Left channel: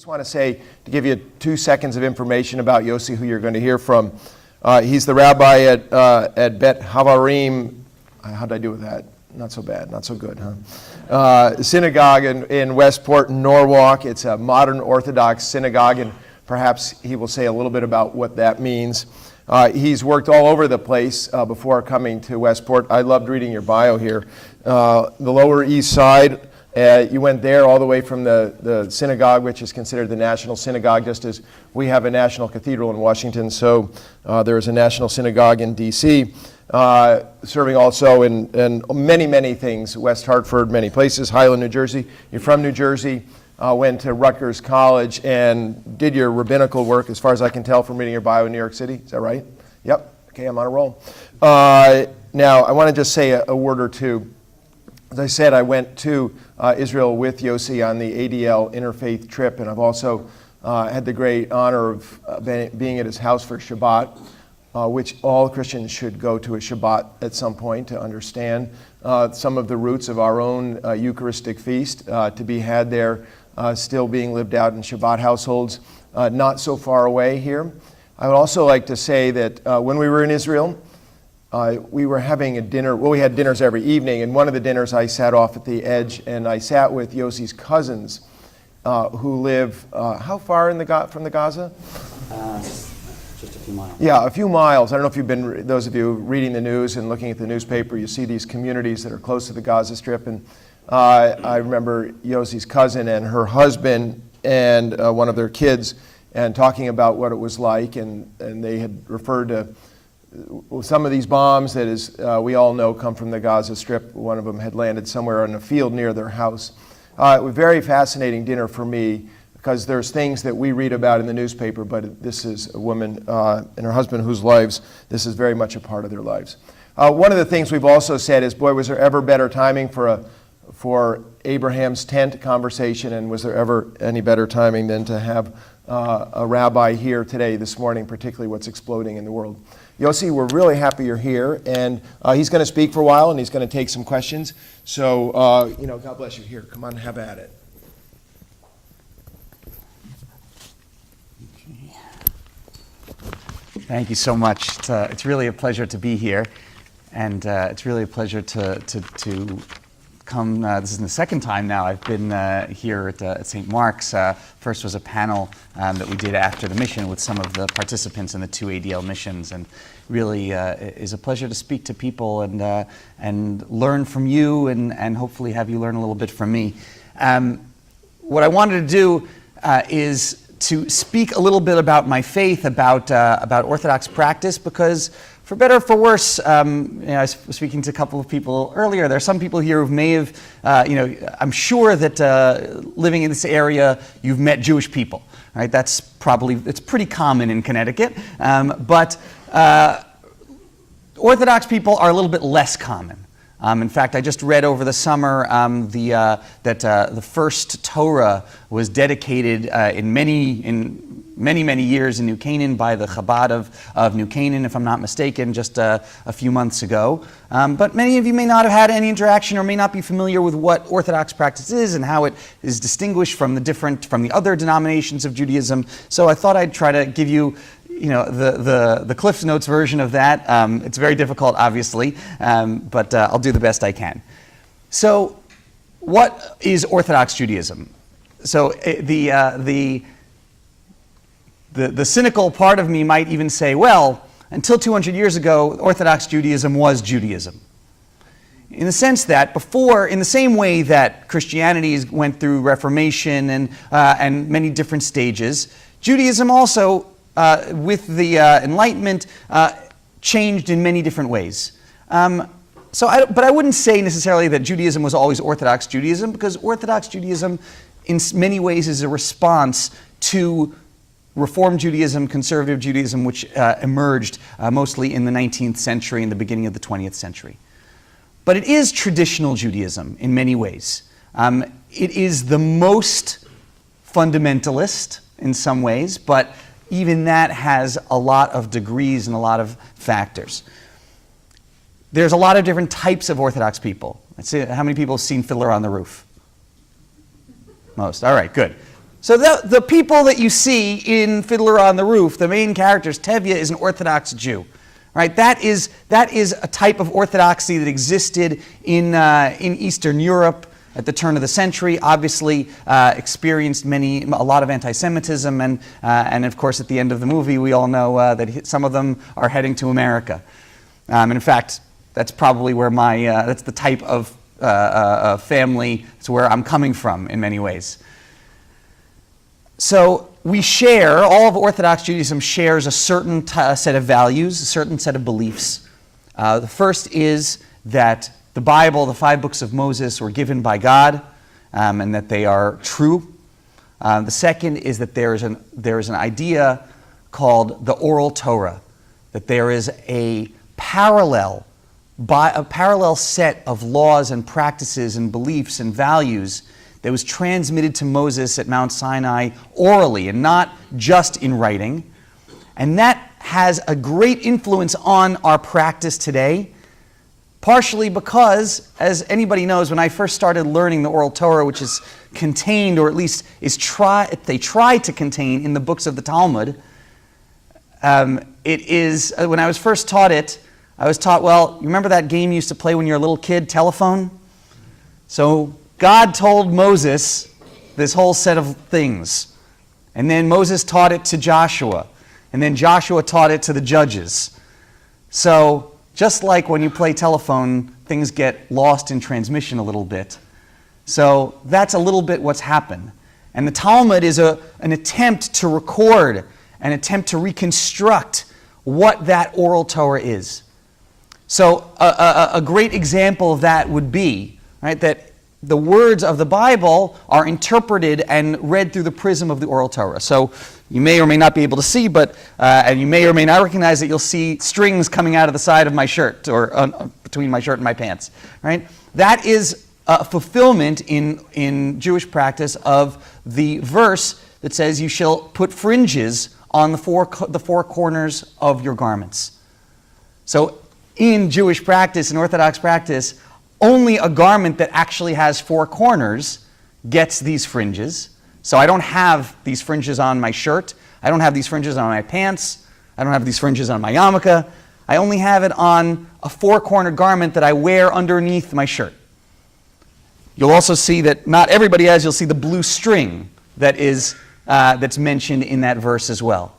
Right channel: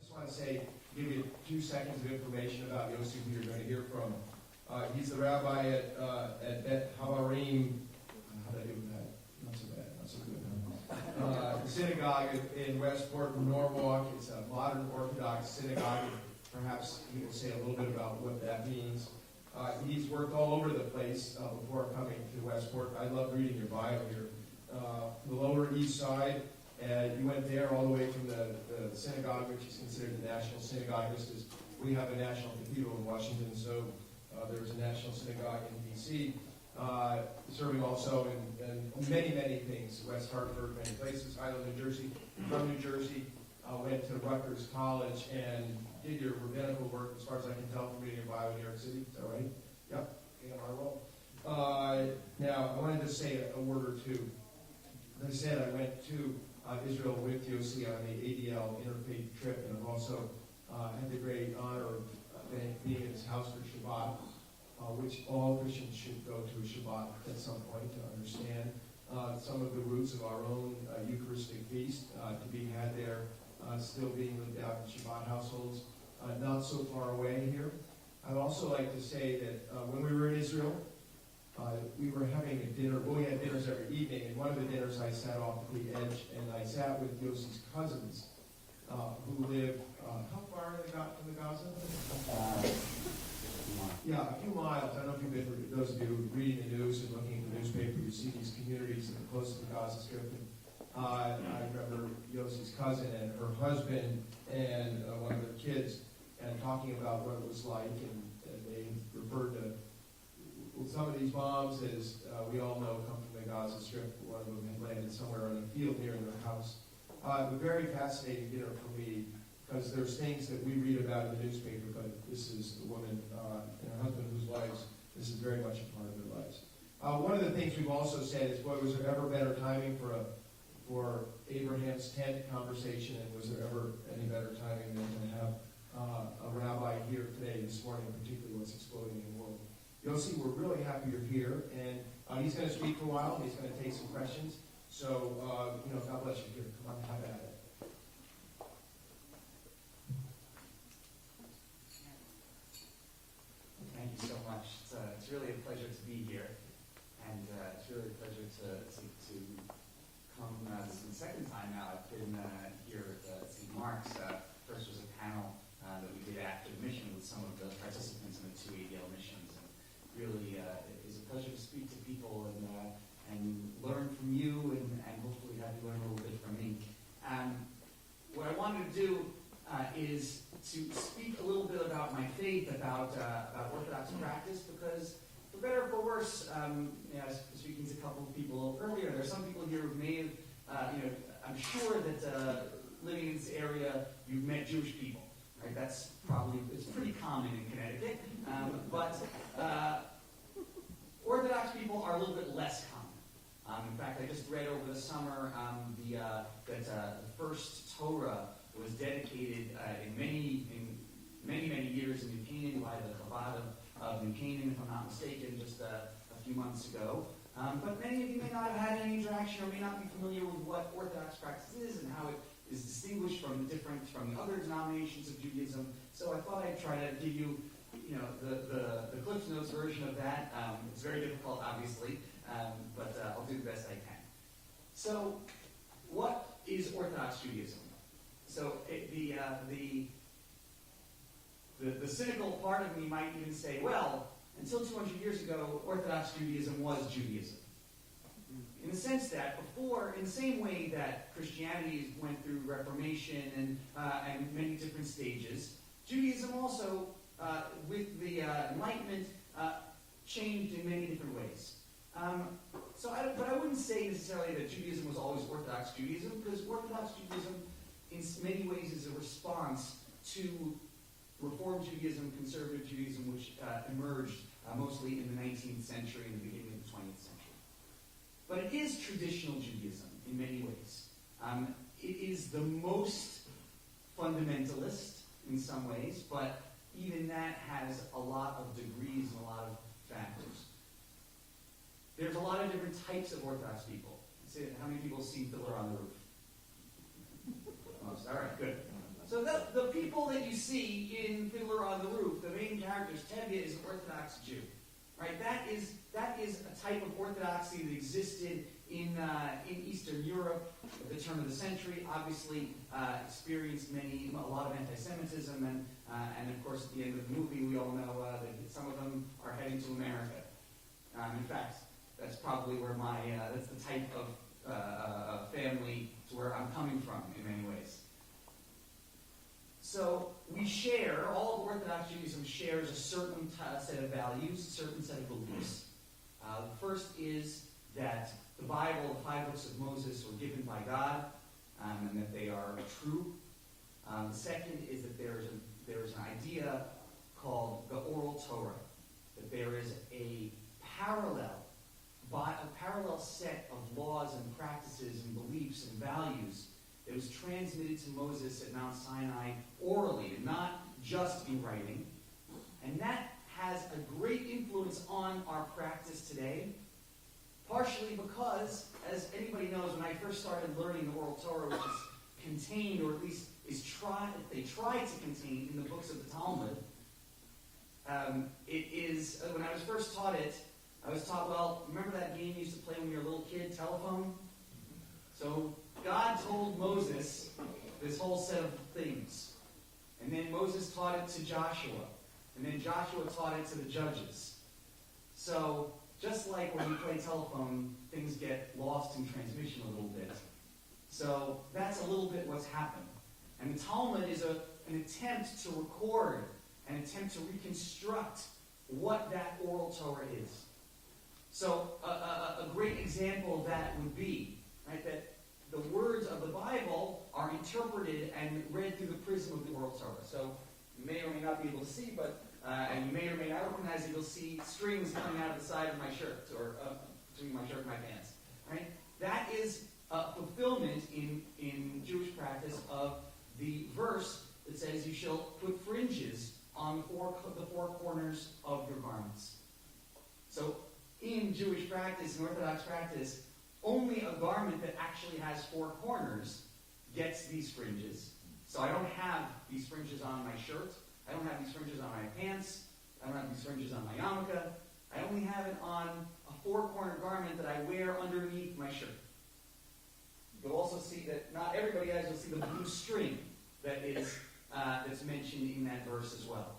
just want to say, to give you 2 seconds of information about Yossi, who you're going to hear from. He's the rabbi at Beit Chaverim. How did I do with that? Not so bad, not so good, huh? Synagogue in Westport, Norwalk. It's a modern Orthodox synagogue, and perhaps he will say a little bit about what that means. He's worked all over the place before coming to Westport. I loved reading your bio here. The Lower East Side, you went there all the way from the synagogue, which is considered the national synagogue, just as we have a national cathedral in Washington, so there is a national synagogue in D.C., serving also in many, many things, West Hartford, many places, Highland, New Jersey. You're from New Jersey, went to Rutgers College and did your rabbinical work, as far as I can tell from reading your bio in New York City. Is that right? Yep. Okay, I'm on a roll. Now, I want to just say a word or two. As I said, I went to Israel with Yossi on the ADL interfaith trip, and I've also had the great honor of being at his house for Shabbat, which all Christians should go to a Shabbat at some point to understand some of the roots of our own Eucharistic feast to be had there, still being lived out in Shabbat households, not so far away here. I would also like to say that when we were in Israel, we were having a dinner. Well, we had dinners every evening, and one of the dinners I sat off at the edge, and I sat with Yossi's cousins who live how far from the Gaza? Just a few miles. Yeah, a few miles. I don't know if you've been, those of you reading the news and looking at the newspaper, you see these communities that are close to the Gaza Strip. And I remember Yossi's cousin and her husband and one of their kids and talking about what it was like. And they had referred to some of these bombs that, as we all know, come from the Gaza Strip. One of them had landed somewhere in a field near their house. It was a very fascinating dinner for me, because there's things that we read about in the newspaper, but this is a woman and her husband whose lives, this is very much a part of their lives. One of the things we've also said is, boy, was there ever better timing for Abraham's tent conversation, and was there ever any better timing than to have a rabbi here today, this morning, particularly what's exploding in the world. Yossi, we're really happy you're here, and he's going to speak for a while, and he's going to take some questions. So, God bless you. Here, come on, have at it. Thank you so much. It's really a pleasure to be here, and it's really a pleasure to come. This is the second time now I've been here at St. Mark's. First was a panel that we did after the mission with some of the participants in the 2 ADL missions, and really is a pleasure to speak to people and learn from you, and hopefully have you learn a little bit from me. What I wanted to do is to speak a little bit about my faith, about Orthodox practice, because for better or for worse, I was speaking to a couple of people earlier. There are some people here who may have, I'm sure that living in this area, you've met Jewish people, right? It's pretty common in Connecticut, but Orthodox people are a little bit less common. In fact, I just read over the summer that the first Torah was dedicated in many years in New Canaan by the Chabad of New Canaan, if I'm not mistaken, just a few months ago. But many of you may not have had any interaction or may not be familiar with what Orthodox practice is and how it is distinguished from the other denominations of Judaism. So I thought I'd try to give you the Cliff Notes version of that. It's very difficult, obviously, but I'll do the best I can. So, what is Orthodox Judaism? So, the cynical part of me might even say, well, until 200 years ago, Orthodox Judaism was Judaism. In the sense that before, in the same way that Christianity went through Reformation and many different stages, Judaism also with the Enlightenment, changed in many different ways. But I wouldn't say necessarily that Judaism was always Orthodox Judaism, because Orthodox Judaism in many ways is a response to Reform Judaism, Conservative Judaism, which emerged mostly in the 19th century and the beginning of the 20th century. But it is traditional Judaism in many ways. It is the most fundamentalist in some ways, but even that has a lot of degrees and a lot of factors. There's a lot of different types of Orthodox people. Let's see, how many people have seen Fiddler on the Roof? Most. All right, good. So the people that you see in Fiddler on the Roof, the main characters, Tevye is an Orthodox Jew. Right? That is a type of orthodoxy that existed in Eastern Europe at the turn of the century. Obviously, experienced a lot of anti-Semitism, and of course, at the end of the movie, we all know that some of them are heading to America. And in fact, that's probably where that's the type of family. It's where I'm coming from in many ways. So all of Orthodox Judaism shares a certain set of values, a certain set of beliefs. The first is that the Bible, the 5 books of Moses, were given by God, and that they are true. The second is that there is an idea called the oral Torah, that there is a parallel set of laws and practices and beliefs and values that was transmitted to Moses at Mount Sinai orally and not just in writing. And that has a great influence on our practice today, partially because, as anybody knows, when I first started learning the oral Torah, which is contained, or at least they try to contain in the books of the Talmud, when I was first taught it, I was taught, well, you remember that game you used to play when you were a little kid, telephone? So God told Moses this whole set of things. And then Moses taught it to Joshua. And then Joshua taught it to the judges. So just like when you play telephone, things get lost in transmission a little bit. So that's a little bit what's happened. And the Talmud is an attempt to record, an attempt to reconstruct what that oral Torah is. So a great example of that would be, right, that the words of the Bible are interpreted and read through the prism of the oral Torah. So you may or may not be able to see, and you may or may not recognize that you'll see strings coming out of the side of my shirt, or between my shirt and my pants. Right? That is a fulfillment in Jewish practice of the verse that says, "You shall put fringes on the four corners of your garments." So in Jewish practice, in Orthodox practice, only a garment that actually has 4 corners gets these fringes. So I don't have these fringes on my shirt. I don't have these fringes on my pants. I don't have these fringes on my yarmulke. I only have it on a 4-cornered garment that I wear underneath my shirt. You'll also see that not everybody has. You'll see the blue string that's mentioned in that verse as well,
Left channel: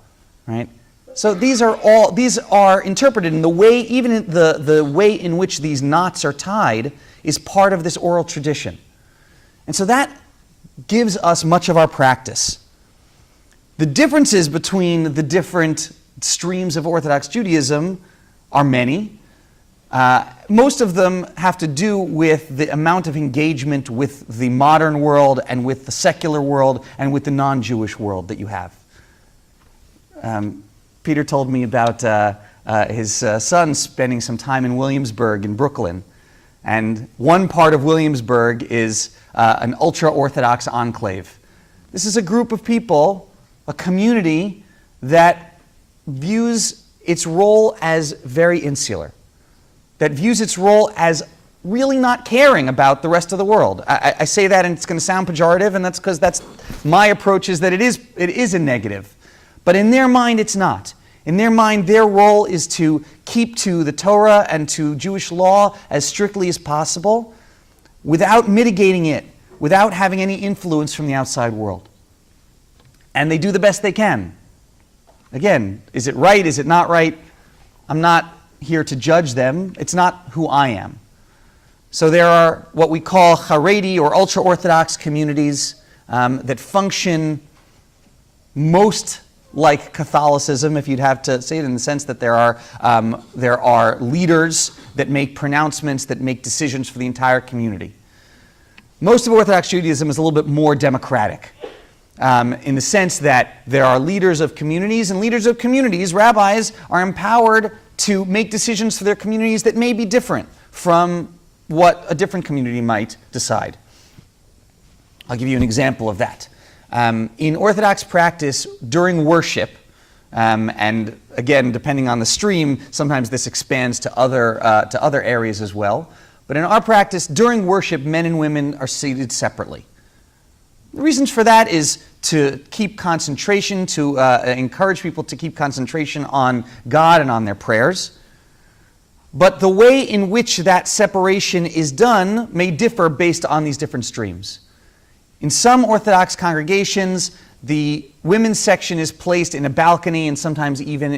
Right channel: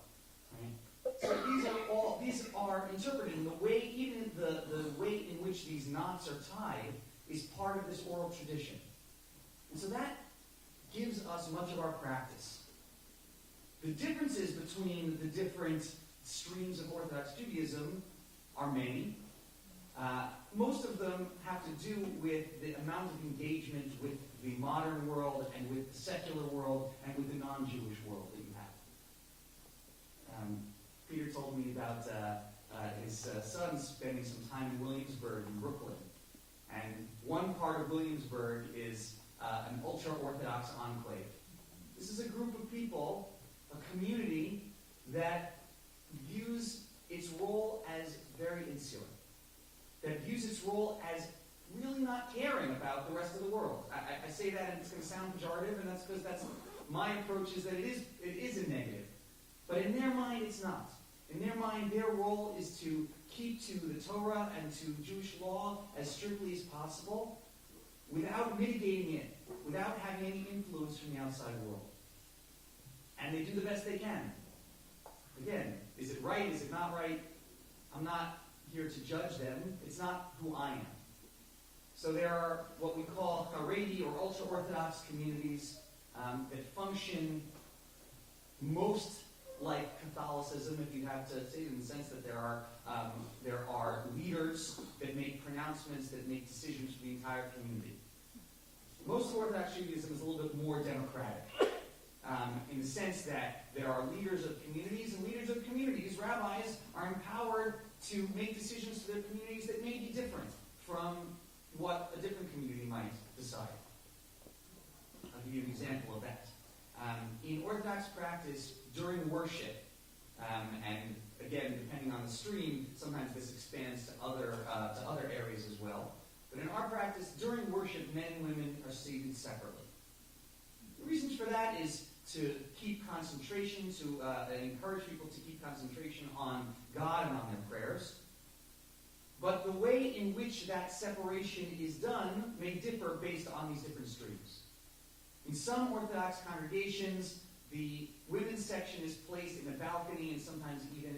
right? So these are interpreted in the way, even the way in which these knots are tied is part of this oral tradition. And so that gives us much of our practice. The differences between the different streams of Orthodox Judaism are many. Most of them have to do with the amount of engagement with the modern world and with the secular world and with the non-Jewish world that you have. Peter told me about his son spending some time in Williamsburg in Brooklyn. And one part of Williamsburg is an ultra-Orthodox enclave. This is a group of people, a community, that views its role as very insular, that views its role as really not caring about the rest of the world. I say that and it's going to sound pejorative, and that's because that's my approach, is that it is a negative. But in their mind, it's not. In their mind, their role is to keep to the Torah and to Jewish law as strictly as possible without mitigating it, without having any influence from the outside world. And they do the best they can. Again, is it right? Is it not right? I'm not here to judge them. It's not who I am. So there are what we call Haredi or ultra-Orthodox communities that function most like Catholicism, if you'd have to say it, in the sense that there are leaders that make pronouncements, that make decisions for the entire community. Most of Orthodox Judaism is a little bit more democratic, in the sense that there are leaders of communities, and leaders of communities, rabbis, are empowered to make decisions for their communities that may be different from what a different community might decide. I'll give you an example of that. In Orthodox practice, during worship, and again, depending on the stream, sometimes this expands to other areas as well. But in our practice, during worship, men and women are seated separately. The reasons for that is to keep concentration, to encourage people to keep concentration on God and on their prayers. But the way in which that separation is done may differ based on these different streams. In some Orthodox congregations, the women's section is placed in a balcony and sometimes even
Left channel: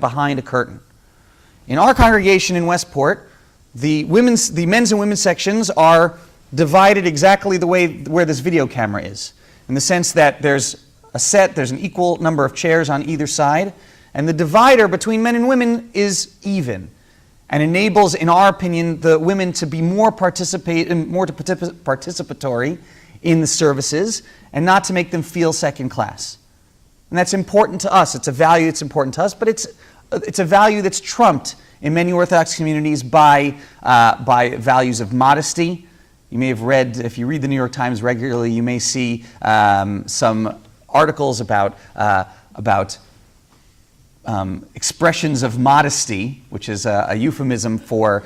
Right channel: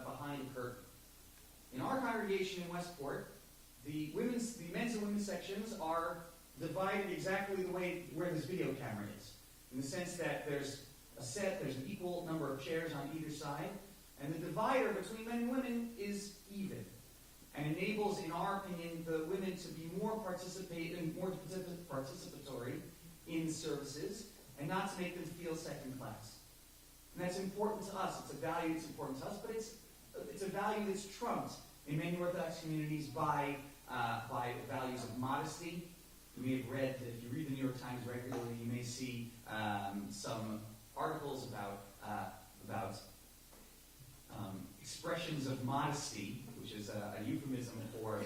behind a curtain. In our congregation in Westport, the men's and women's sections are divided exactly the way where this video camera is, in the sense that there's an equal number of chairs on either side, and the divider between men and women is even, and enables, in our opinion, the women to be more participatory in the services, and not to make them feel second class. And that's important to us. It's a value that's important to us, but it's a value that's trumped in many Orthodox communities by values of modesty. You may have read, if you read the New York Times regularly, you may see some articles about expressions of modesty, which is a euphemism for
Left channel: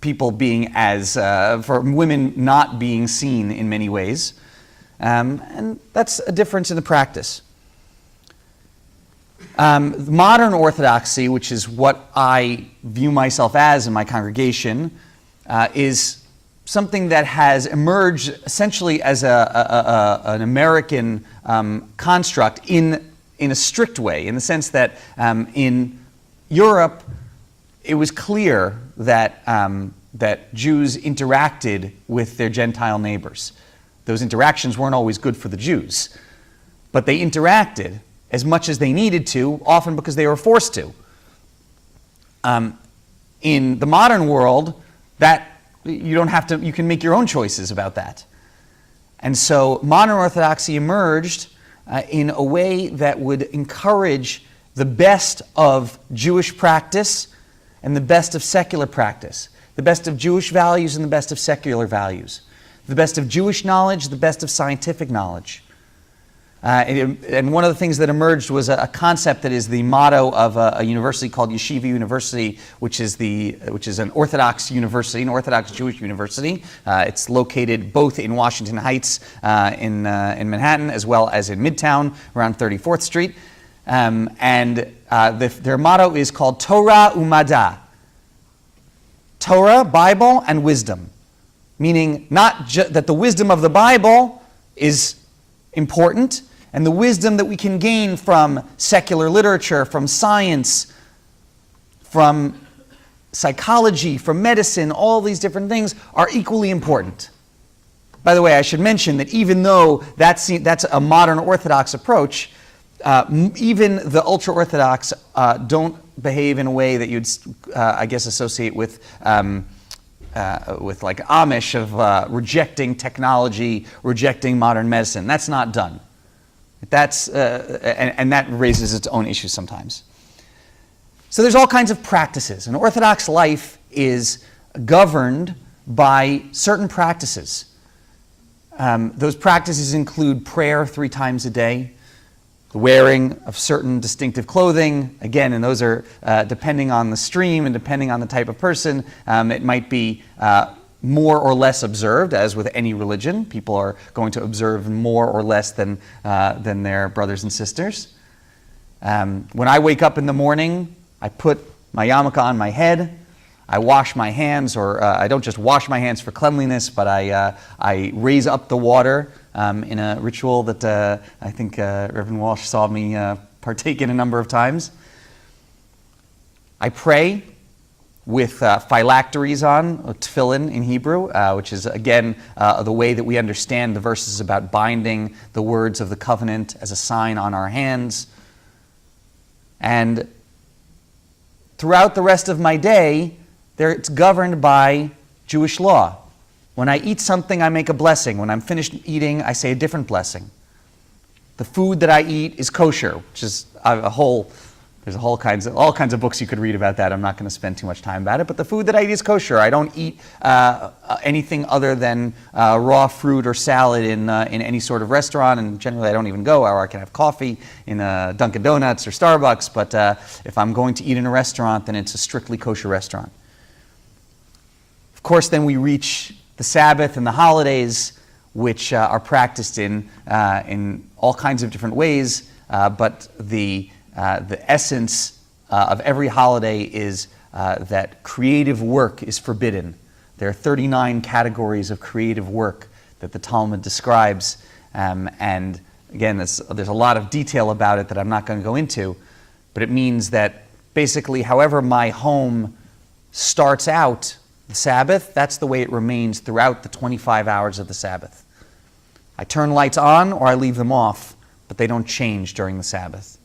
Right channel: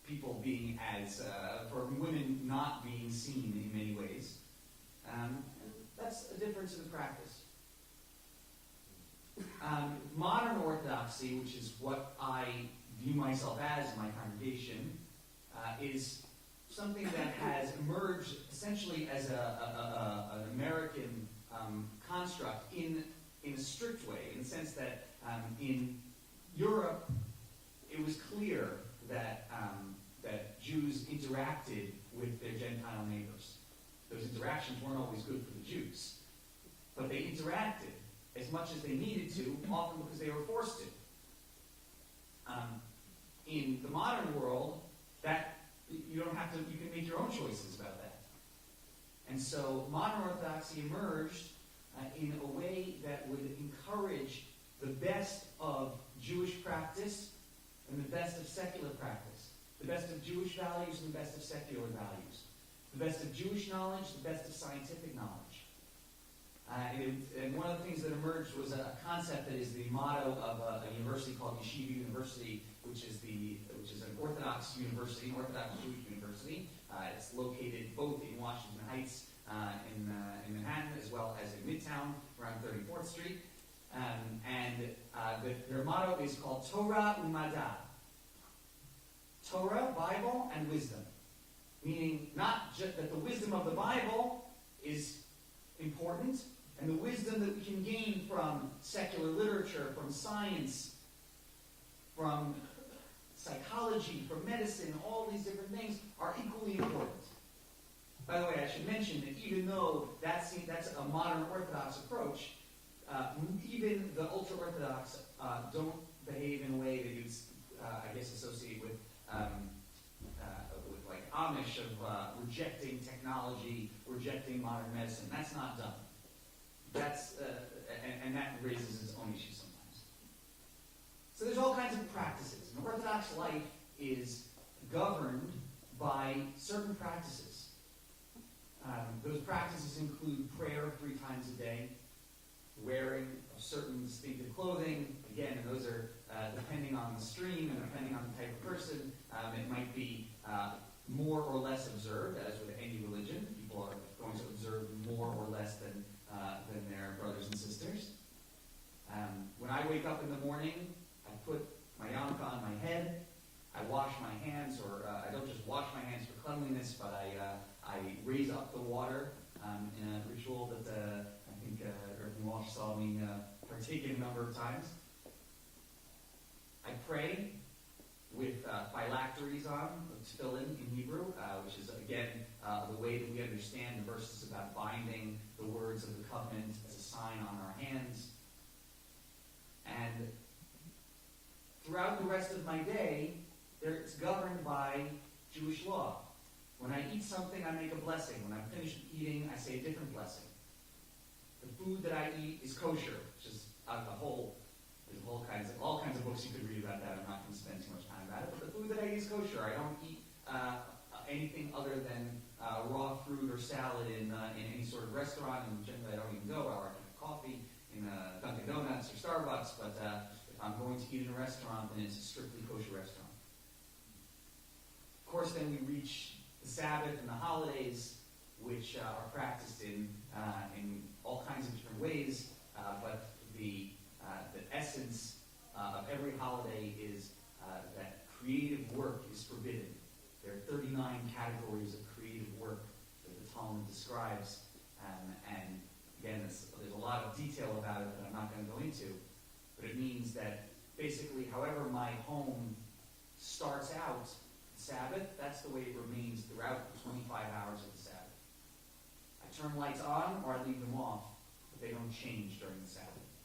people being for women not being seen in many ways. And that's a difference in the practice. Modern Orthodoxy, which is what I view myself as in my congregation, is something that has emerged essentially as an American construct in a strict way, in the sense that in Europe, it was clear that Jews interacted with their Gentile neighbors. Those interactions weren't always good for the Jews, but they interacted as much as they needed to, often because they were forced to. In the modern world, that you don't have to. You can make your own choices about that. And so modern Orthodoxy emerged in a way that would encourage the best of Jewish practice and the best of secular practice, the best of Jewish values and the best of secular values, the best of Jewish knowledge, the best of scientific knowledge. And one of the things that emerged was a concept that is the motto of a university called Yeshiva University, which is an Orthodox university, an Orthodox Jewish university. It's located both in Washington Heights in Manhattan, as well as in Midtown around 34th Street. Their motto is called Torah Umada. Torah, Bible, and wisdom. Meaning not that the wisdom of the Bible is important, and the wisdom that we can gain from secular literature, from science, from psychology, from medicine, all these different things are equally important. By the way, I should mention that even though that's a modern Orthodox approach, even the ultra-Orthodox don't behave in a way that you'd, I guess, associate with like Amish of rejecting technology, rejecting modern medicine. That's not done. And that raises its own issues sometimes. So there's all kinds of practices. And Orthodox life is governed by certain practices. Those practices include prayer 3 times a day, the wearing of certain distinctive clothing. Again, and those are depending on the stream and depending on the type of person, it might be more or less observed, as with any religion. People are going to observe more or less than their brothers and sisters. When I wake up in the morning, I put my yarmulke on my head. I wash my hands, or I don't just wash my hands for cleanliness, but I raise up the water in a ritual that I think Reverend Walsh saw me partake in a number of times. I pray with phylacteries on, or tefillin in Hebrew, which is, again, the way that we understand the verses about binding the words of the covenant as a sign on our hands. And throughout the rest of my day, it's governed by Jewish law. When I eat something, I make a blessing. When I'm finished eating, I say a different blessing. The food that I eat is kosher, which is there's all kinds of books you could read about that. I'm not going to spend too much time about it. But the food that I eat is kosher. I don't eat anything other than raw fruit or salad in any sort of restaurant. And generally, I don't even go. Or I can have coffee in Dunkin' Donuts or Starbucks. But if I'm going to eat in a restaurant, then it's a strictly kosher restaurant. Of course, then we reach the Sabbath and the holidays, which are practiced in all kinds of different ways, but the essence of every holiday is that creative work is forbidden. There are 39 categories of creative work that the Talmud describes, and again, there's a lot of detail about it that I'm not going to go into, but it means that basically however my home starts out the Sabbath, that's the way it remains throughout the 25 hours of the Sabbath. I turn lights on or I leave them off, but they don't change during the Sabbath.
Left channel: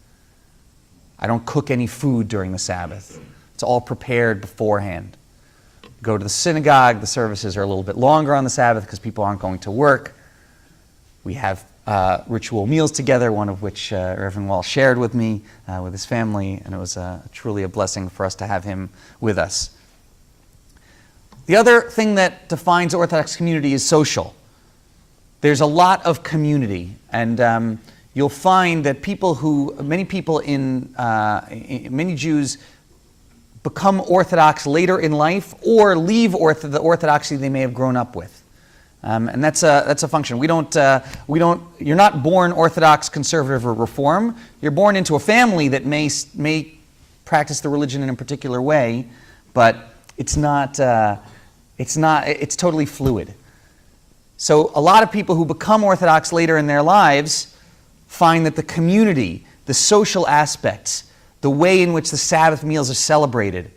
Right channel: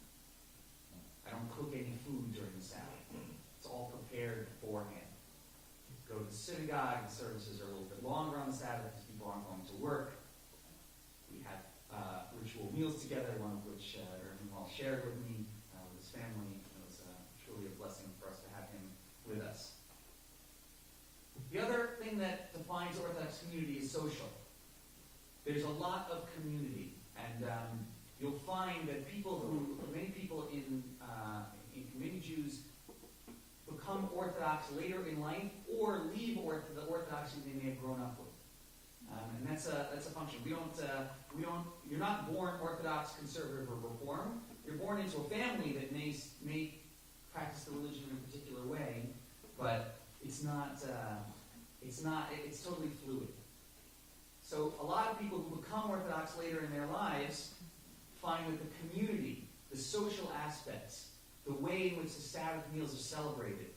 I don't cook any food during the Sabbath. It's all prepared beforehand. Go to the synagogue, the services are a little bit longer on the Sabbath because people aren't going to work. We have ritual meals together, one of which Reverend Wall shared with me, with his family, and it was truly a blessing for us to have him with us. The other thing that defines Orthodox community is social. There's a lot of community, and you'll find that many Jews become Orthodox later in life or leave the Orthodoxy they may have grown up with. And that's a function. You're not born Orthodox, conservative, or Reform. You're born into a family that may practice the religion in a particular way, but it's totally fluid. So a lot of people who become Orthodox later in their lives find that the community, the social aspects, the way in which the Sabbath meals are celebrated,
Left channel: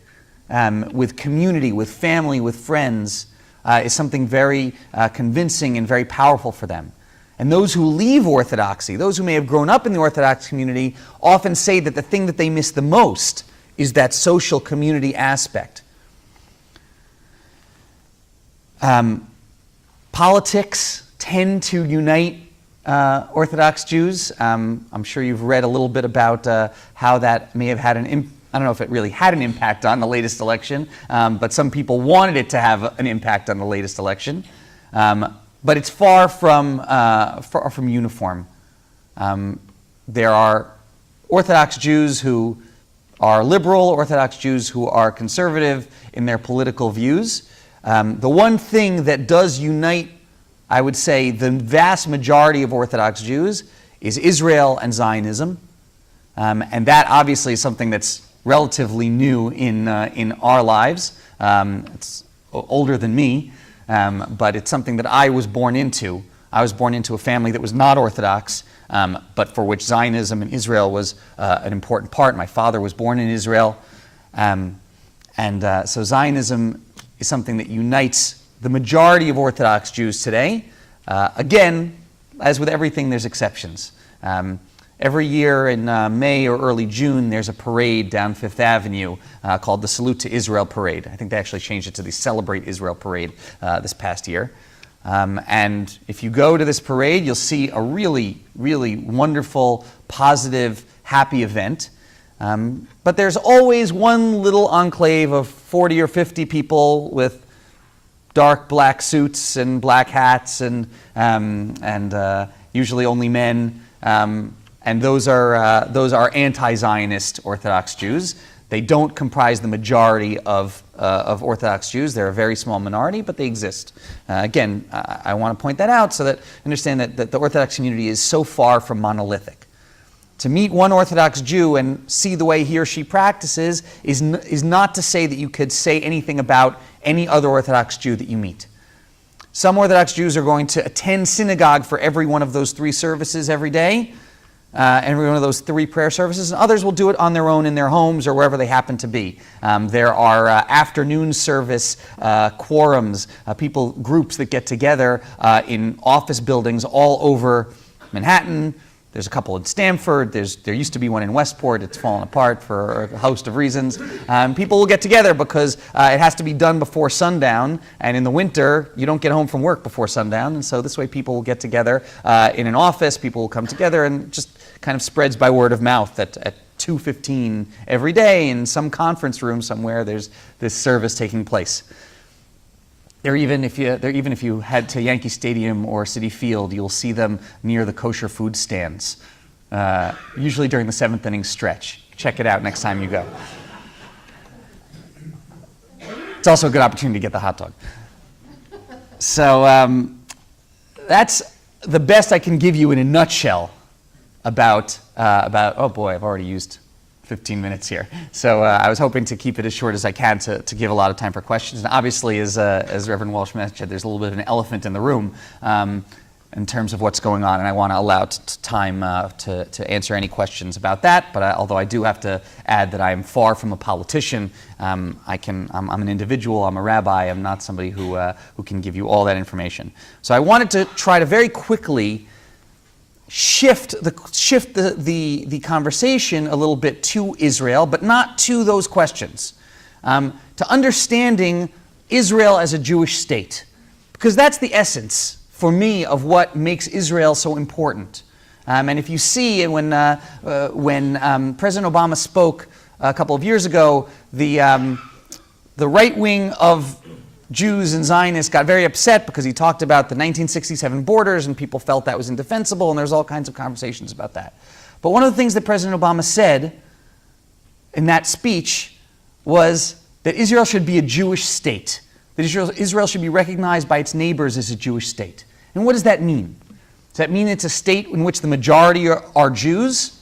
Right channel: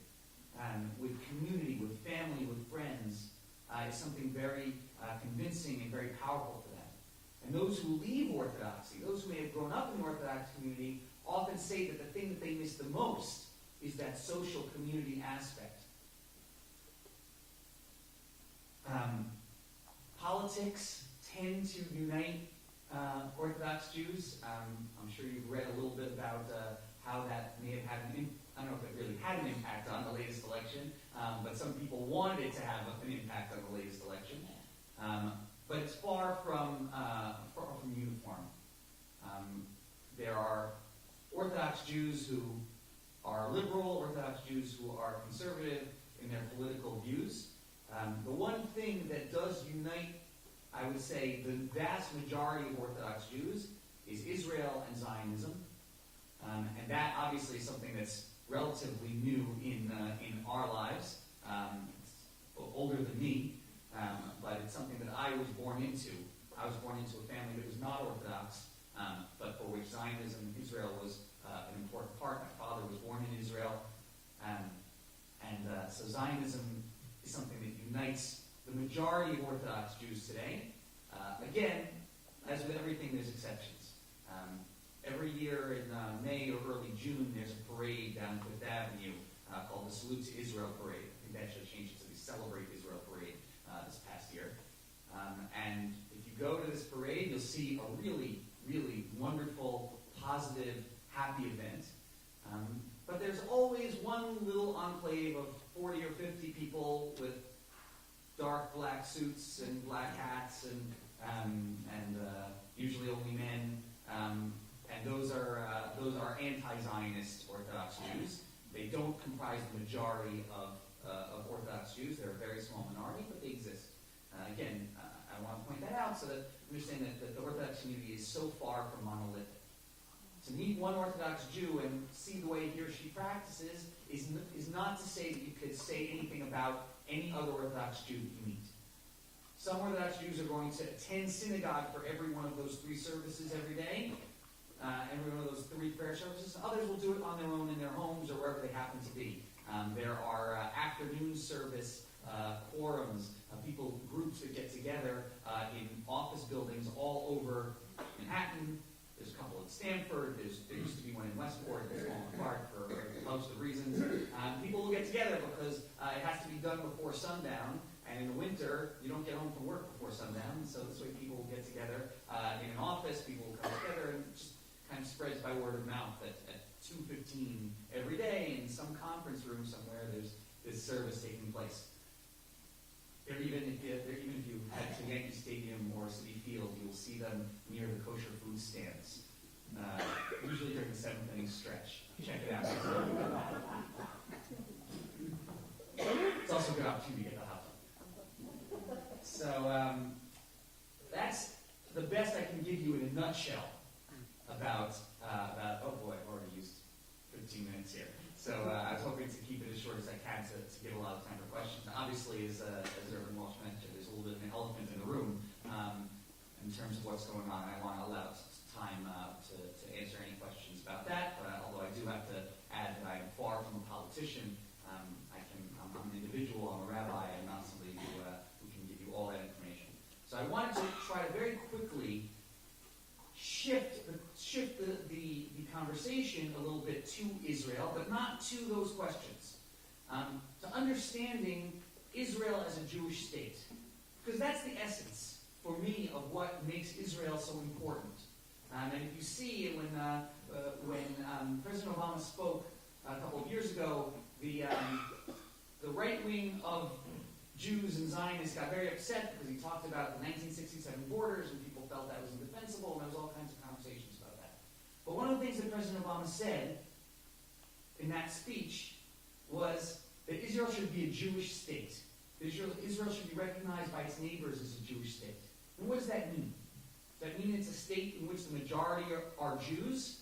with community, with family, with friends, is something very convincing and very powerful for them. And those who leave Orthodoxy, those who may have grown up in the Orthodox community, often say that the thing that they miss the most is that social community aspect. Politics tend to unite Orthodox Jews. I'm sure you've read a little bit about how that may have had I don't know if it really had an impact on the latest election, but some people wanted it to have an impact on the latest election. But it's far from uniform. There are Orthodox Jews who are liberal, Orthodox Jews who are conservative in their political views. The one thing that does unite, I would say, the vast majority of Orthodox Jews is Israel and Zionism. And that obviously is something that's relatively new in our lives. It's older than me, but it's something that I was born into. I was born into a family that was not Orthodox, but for which Zionism and Israel was an important part. My father was born in Israel. So Zionism is something that unites the majority of Orthodox Jews today. Again, as with everything, there's exceptions. Every year in May or early June, there's a parade down Fifth Avenue called the Salute to Israel Parade. I think they actually changed it to the Celebrate Israel Parade this past year. And if you go to this parade, you'll see a really, really wonderful, positive, happy event. But there's always one little enclave of 40 or 50 people with dark black suits and black hats and usually only men. And those are anti-Zionist Orthodox Jews. They don't comprise the majority of Orthodox Jews. They're a very small minority, but they exist. Again, I want to point that out so that you understand that the Orthodox community is so far from monolithic. To meet one Orthodox Jew and see the way he or she practices is not to say that you could say anything about any other Orthodox Jew that you meet. Some Orthodox Jews are going to attend synagogue for every one of those 3 services every day, every one of those 3 prayer services, and others will do it on their own in their homes or wherever they happen to be. There are afternoon service quorums, groups that get together in office buildings all over Manhattan. There's a couple in Stamford. There used to be one in Westport. It's fallen apart for a host of reasons. People will get together because it has to be done before sundown, and in the winter, you don't get home from work before sundown, and so this way people will get together in an office. People will come together, and just kind of spreads by word of mouth at 2:15 every day in some conference room somewhere. There's this service taking place. Even if you head to Yankee Stadium or Citi Field, you'll see them near the kosher food stands, usually during the 7th inning stretch. Check it out next time you go. It's also a good opportunity to get the hot dog. So that's the best I can give you in a nutshell about, oh boy, I've already used 15 minutes here. So I was hoping to keep it as short as I can to give a lot of time for questions. And obviously, as Reverend Walsh mentioned, there's a little bit of an elephant in the room in terms of what's going on, and I want to allow time to answer any questions about that. But although I do have to add that I am far from a politician, I'm an individual, I'm a rabbi, I'm not somebody who can give you all that information. So I wanted to try to very quickly shift the conversation a little bit to Israel, but not to those questions, to understanding Israel as a Jewish state, because that's the essence for me of what makes Israel so important. And if you see when President Obama spoke a couple of years ago, the right wing of Jews and Zionists got very upset because he talked about the 1967 borders and people felt that was indefensible, and there's all kinds of conversations about that. But one of the things that President Obama said in that speech was that Israel should be a Jewish state, that Israel should be recognized by its neighbors as a Jewish state. And what does that mean? Does that mean it's a state in which the majority are Jews?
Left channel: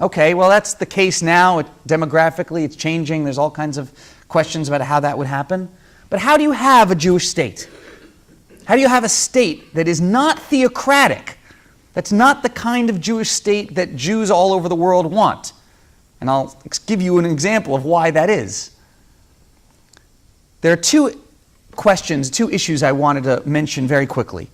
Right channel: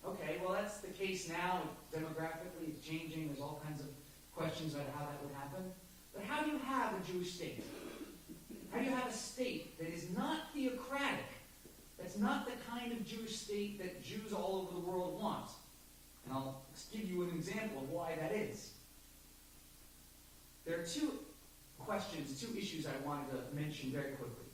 Okay, well that's the case now. Demographically it's changing. There's all kinds of questions about how that would happen. But how do you have a Jewish state? How do you have a state that is not theocratic? That's not the kind of Jewish state that Jews all over the world want. And I'll give you an example of why that is. There are two issues I wanted to mention very quickly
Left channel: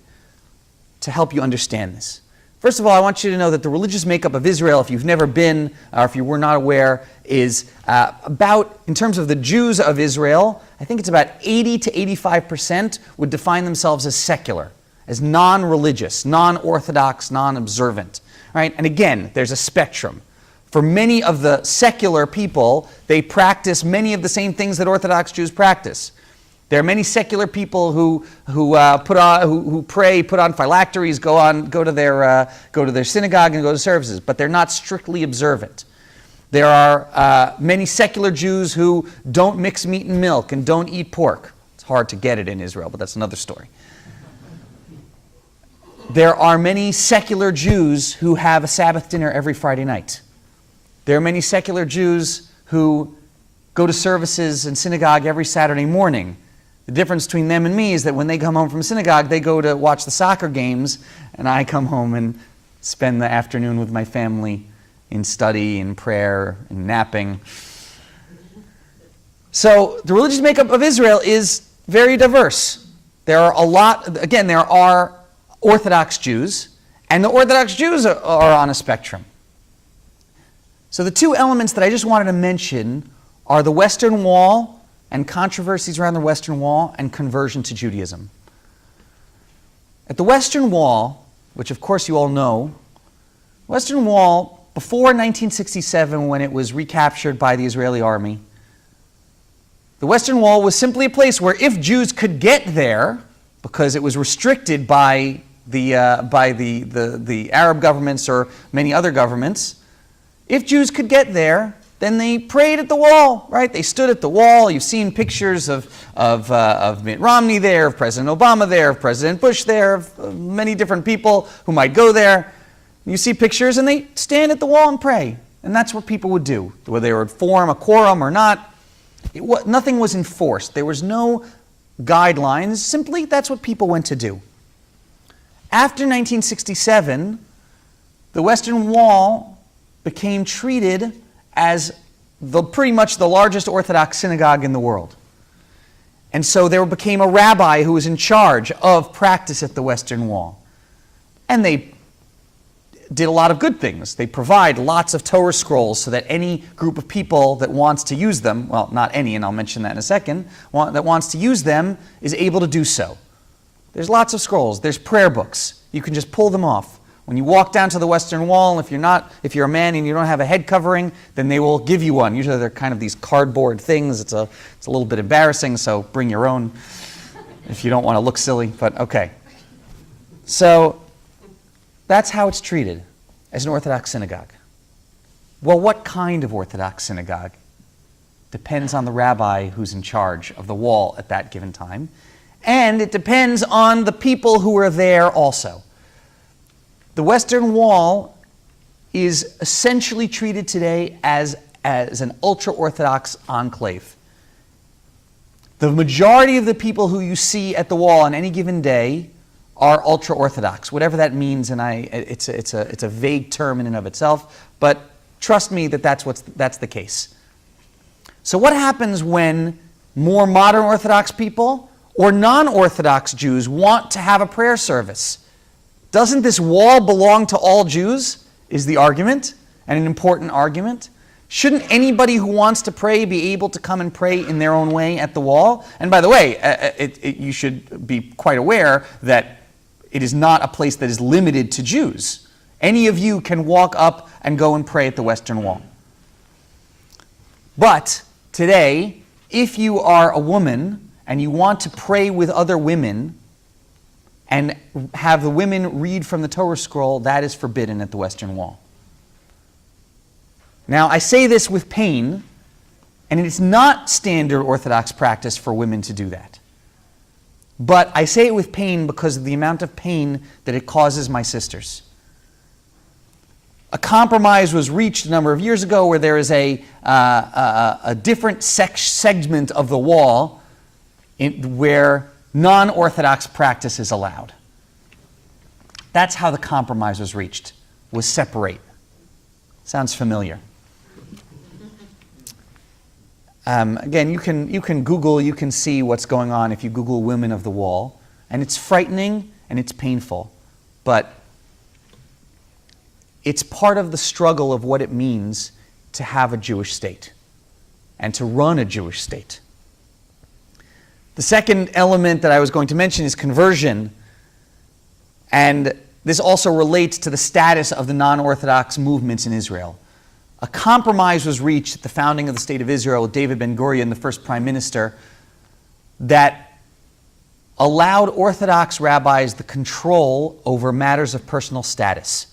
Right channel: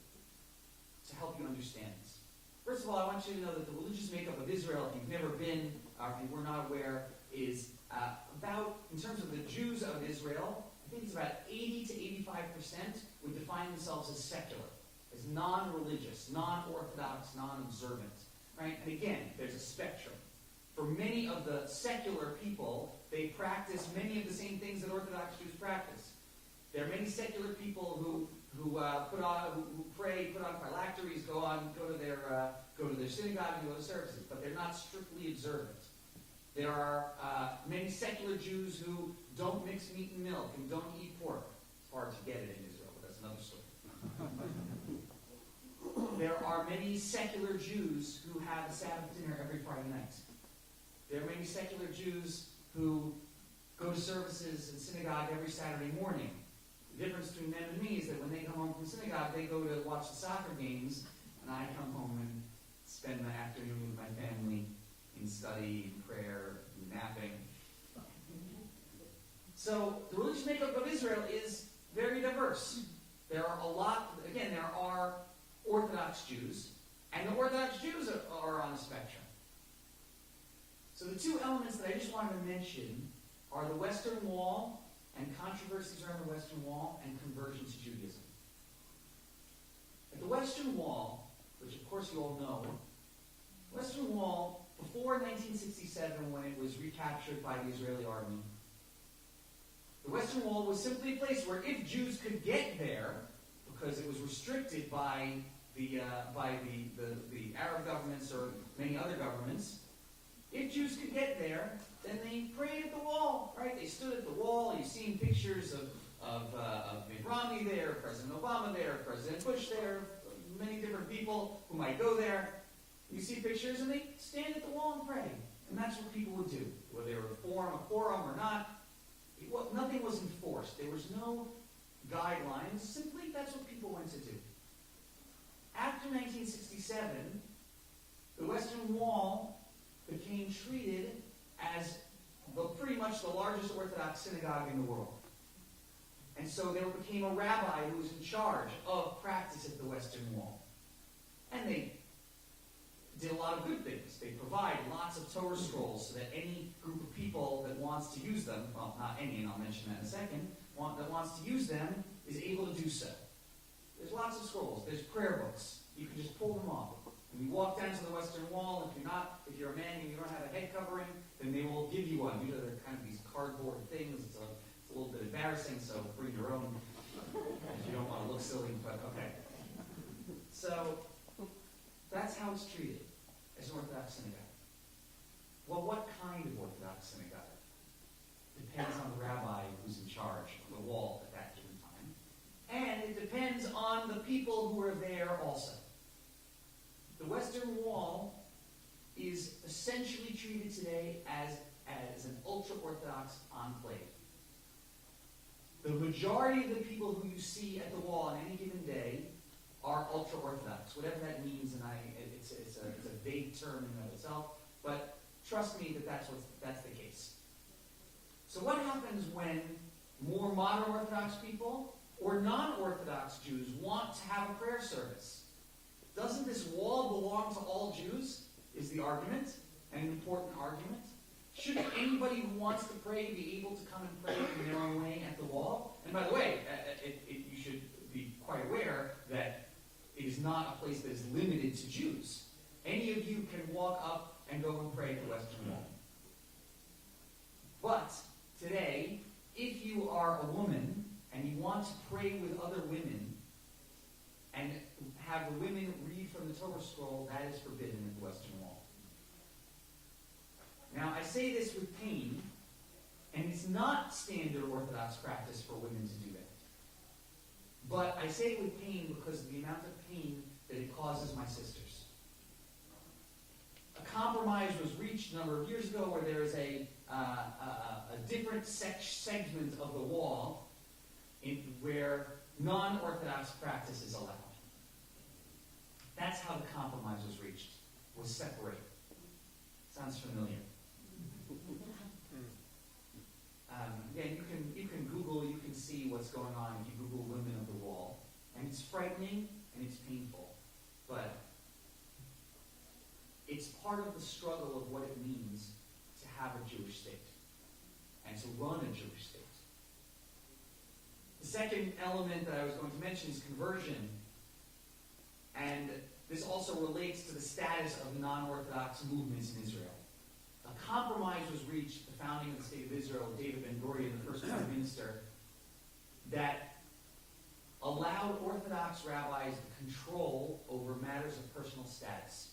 to help you understand this. First of all, I want you to know that the religious makeup of Israel, if you've never been, or if you were not aware, is in terms of the Jews of Israel, I think it's about 80 to 85% would define themselves as secular, as non-religious, non-Orthodox, non-observant. Right? And again, there's a spectrum. For many of the secular people, they practice many of the same things that Orthodox Jews practice. There are many secular people who pray, put on phylacteries, go to their synagogue and go to services, but they're not strictly observant. There are many secular Jews who don't mix meat and milk and don't eat pork. It's hard to get it in Israel, but that's another story. There are many secular Jews who have a Sabbath dinner every Friday night. There are many secular Jews who go to services in synagogue every Saturday morning. The difference between them and me is that when they come home from synagogue, they go to watch the soccer games, and I come home and spend the afternoon with my family in study, in prayer, in napping. So the religious makeup of Israel is very diverse. There are Orthodox Jews, and the Orthodox Jews are on a spectrum. So the two elements that I just wanted to mention are the Western Wall and controversies around the Western Wall and conversion to Judaism. At the Western Wall, which of course you all know, Western Wall, before 1967 when it was recaptured by the Israeli army, the Western Wall was simply a place where if Jews could get there, because it was restricted by the Arab governments or many other governments, if Jews could get there, then they prayed at the wall, right? They stood at the wall. You've seen pictures of Mitt Romney there, of President Obama there, of President Bush there, of many different people who might go there. You see pictures, and they stand at the wall and pray. And that's what people would do, whether they would form a quorum or not. Nothing was enforced. There was no guidelines. Simply, that's what people went to do. After 1967, the Western Wall became treated as pretty much the largest Orthodox synagogue in the world. And so there became a rabbi who was in charge of practice at the Western Wall. And they did a lot of good things. They provide lots of Torah scrolls so that any group of people that wants to use them, well, not any, and I'll mention that in a second, that wants to use them is able to do so. There's lots of scrolls. There's prayer books. You can just pull them off. When you walk down to the Western Wall, if you're a man and you don't have a head covering, then they will give you one. Usually they're kind of these cardboard things. It's a little bit embarrassing, so bring your own if you don't want to look silly, but okay. So that's how it's treated as an Orthodox synagogue. Well, what kind of Orthodox synagogue? Depends on the rabbi who's in charge of the wall at that given time. and it depends on the people who are there also. The Western Wall is essentially treated today as an ultra-Orthodox enclave. The majority of the people who you see at the wall on any given day are ultra-Orthodox, whatever that means, and it's a vague term in and of itself, but trust me that that's the case. So what happens when more modern Orthodox people or non-Orthodox Jews want to have a prayer service? Doesn't this wall belong to all Jews, is the argument, and an important argument? Shouldn't anybody who wants to pray be able to come and pray in their own way at the wall? And by the way, you should be quite aware that it is not a place that is limited to Jews. Any of you can walk up and go and pray at the Western Wall. But today, if you are a woman and you want to pray with other women and have the women read from the Torah scroll, that is forbidden at the Western Wall. Now, I say this with pain, and it is not standard Orthodox practice for women to do that. But I say it with pain because of the amount of pain that it causes my sisters. A compromise was reached a number of years ago where there is a different segment of the wall where non-Orthodox practice is allowed. That's how the compromise was reached, was separate. Sounds familiar. Again, you can Google, you can see what's going on if you Google women of the wall. And it's frightening and it's painful. But it's part of the struggle of what it means to have a Jewish state and to run a Jewish state. The second element that I was going to mention is conversion. And this also relates to the status of the non-Orthodox movements in Israel. A compromise was reached at the founding of the State of Israel with David Ben-Gurion, the first prime minister, that allowed Orthodox rabbis the control over matters of personal status:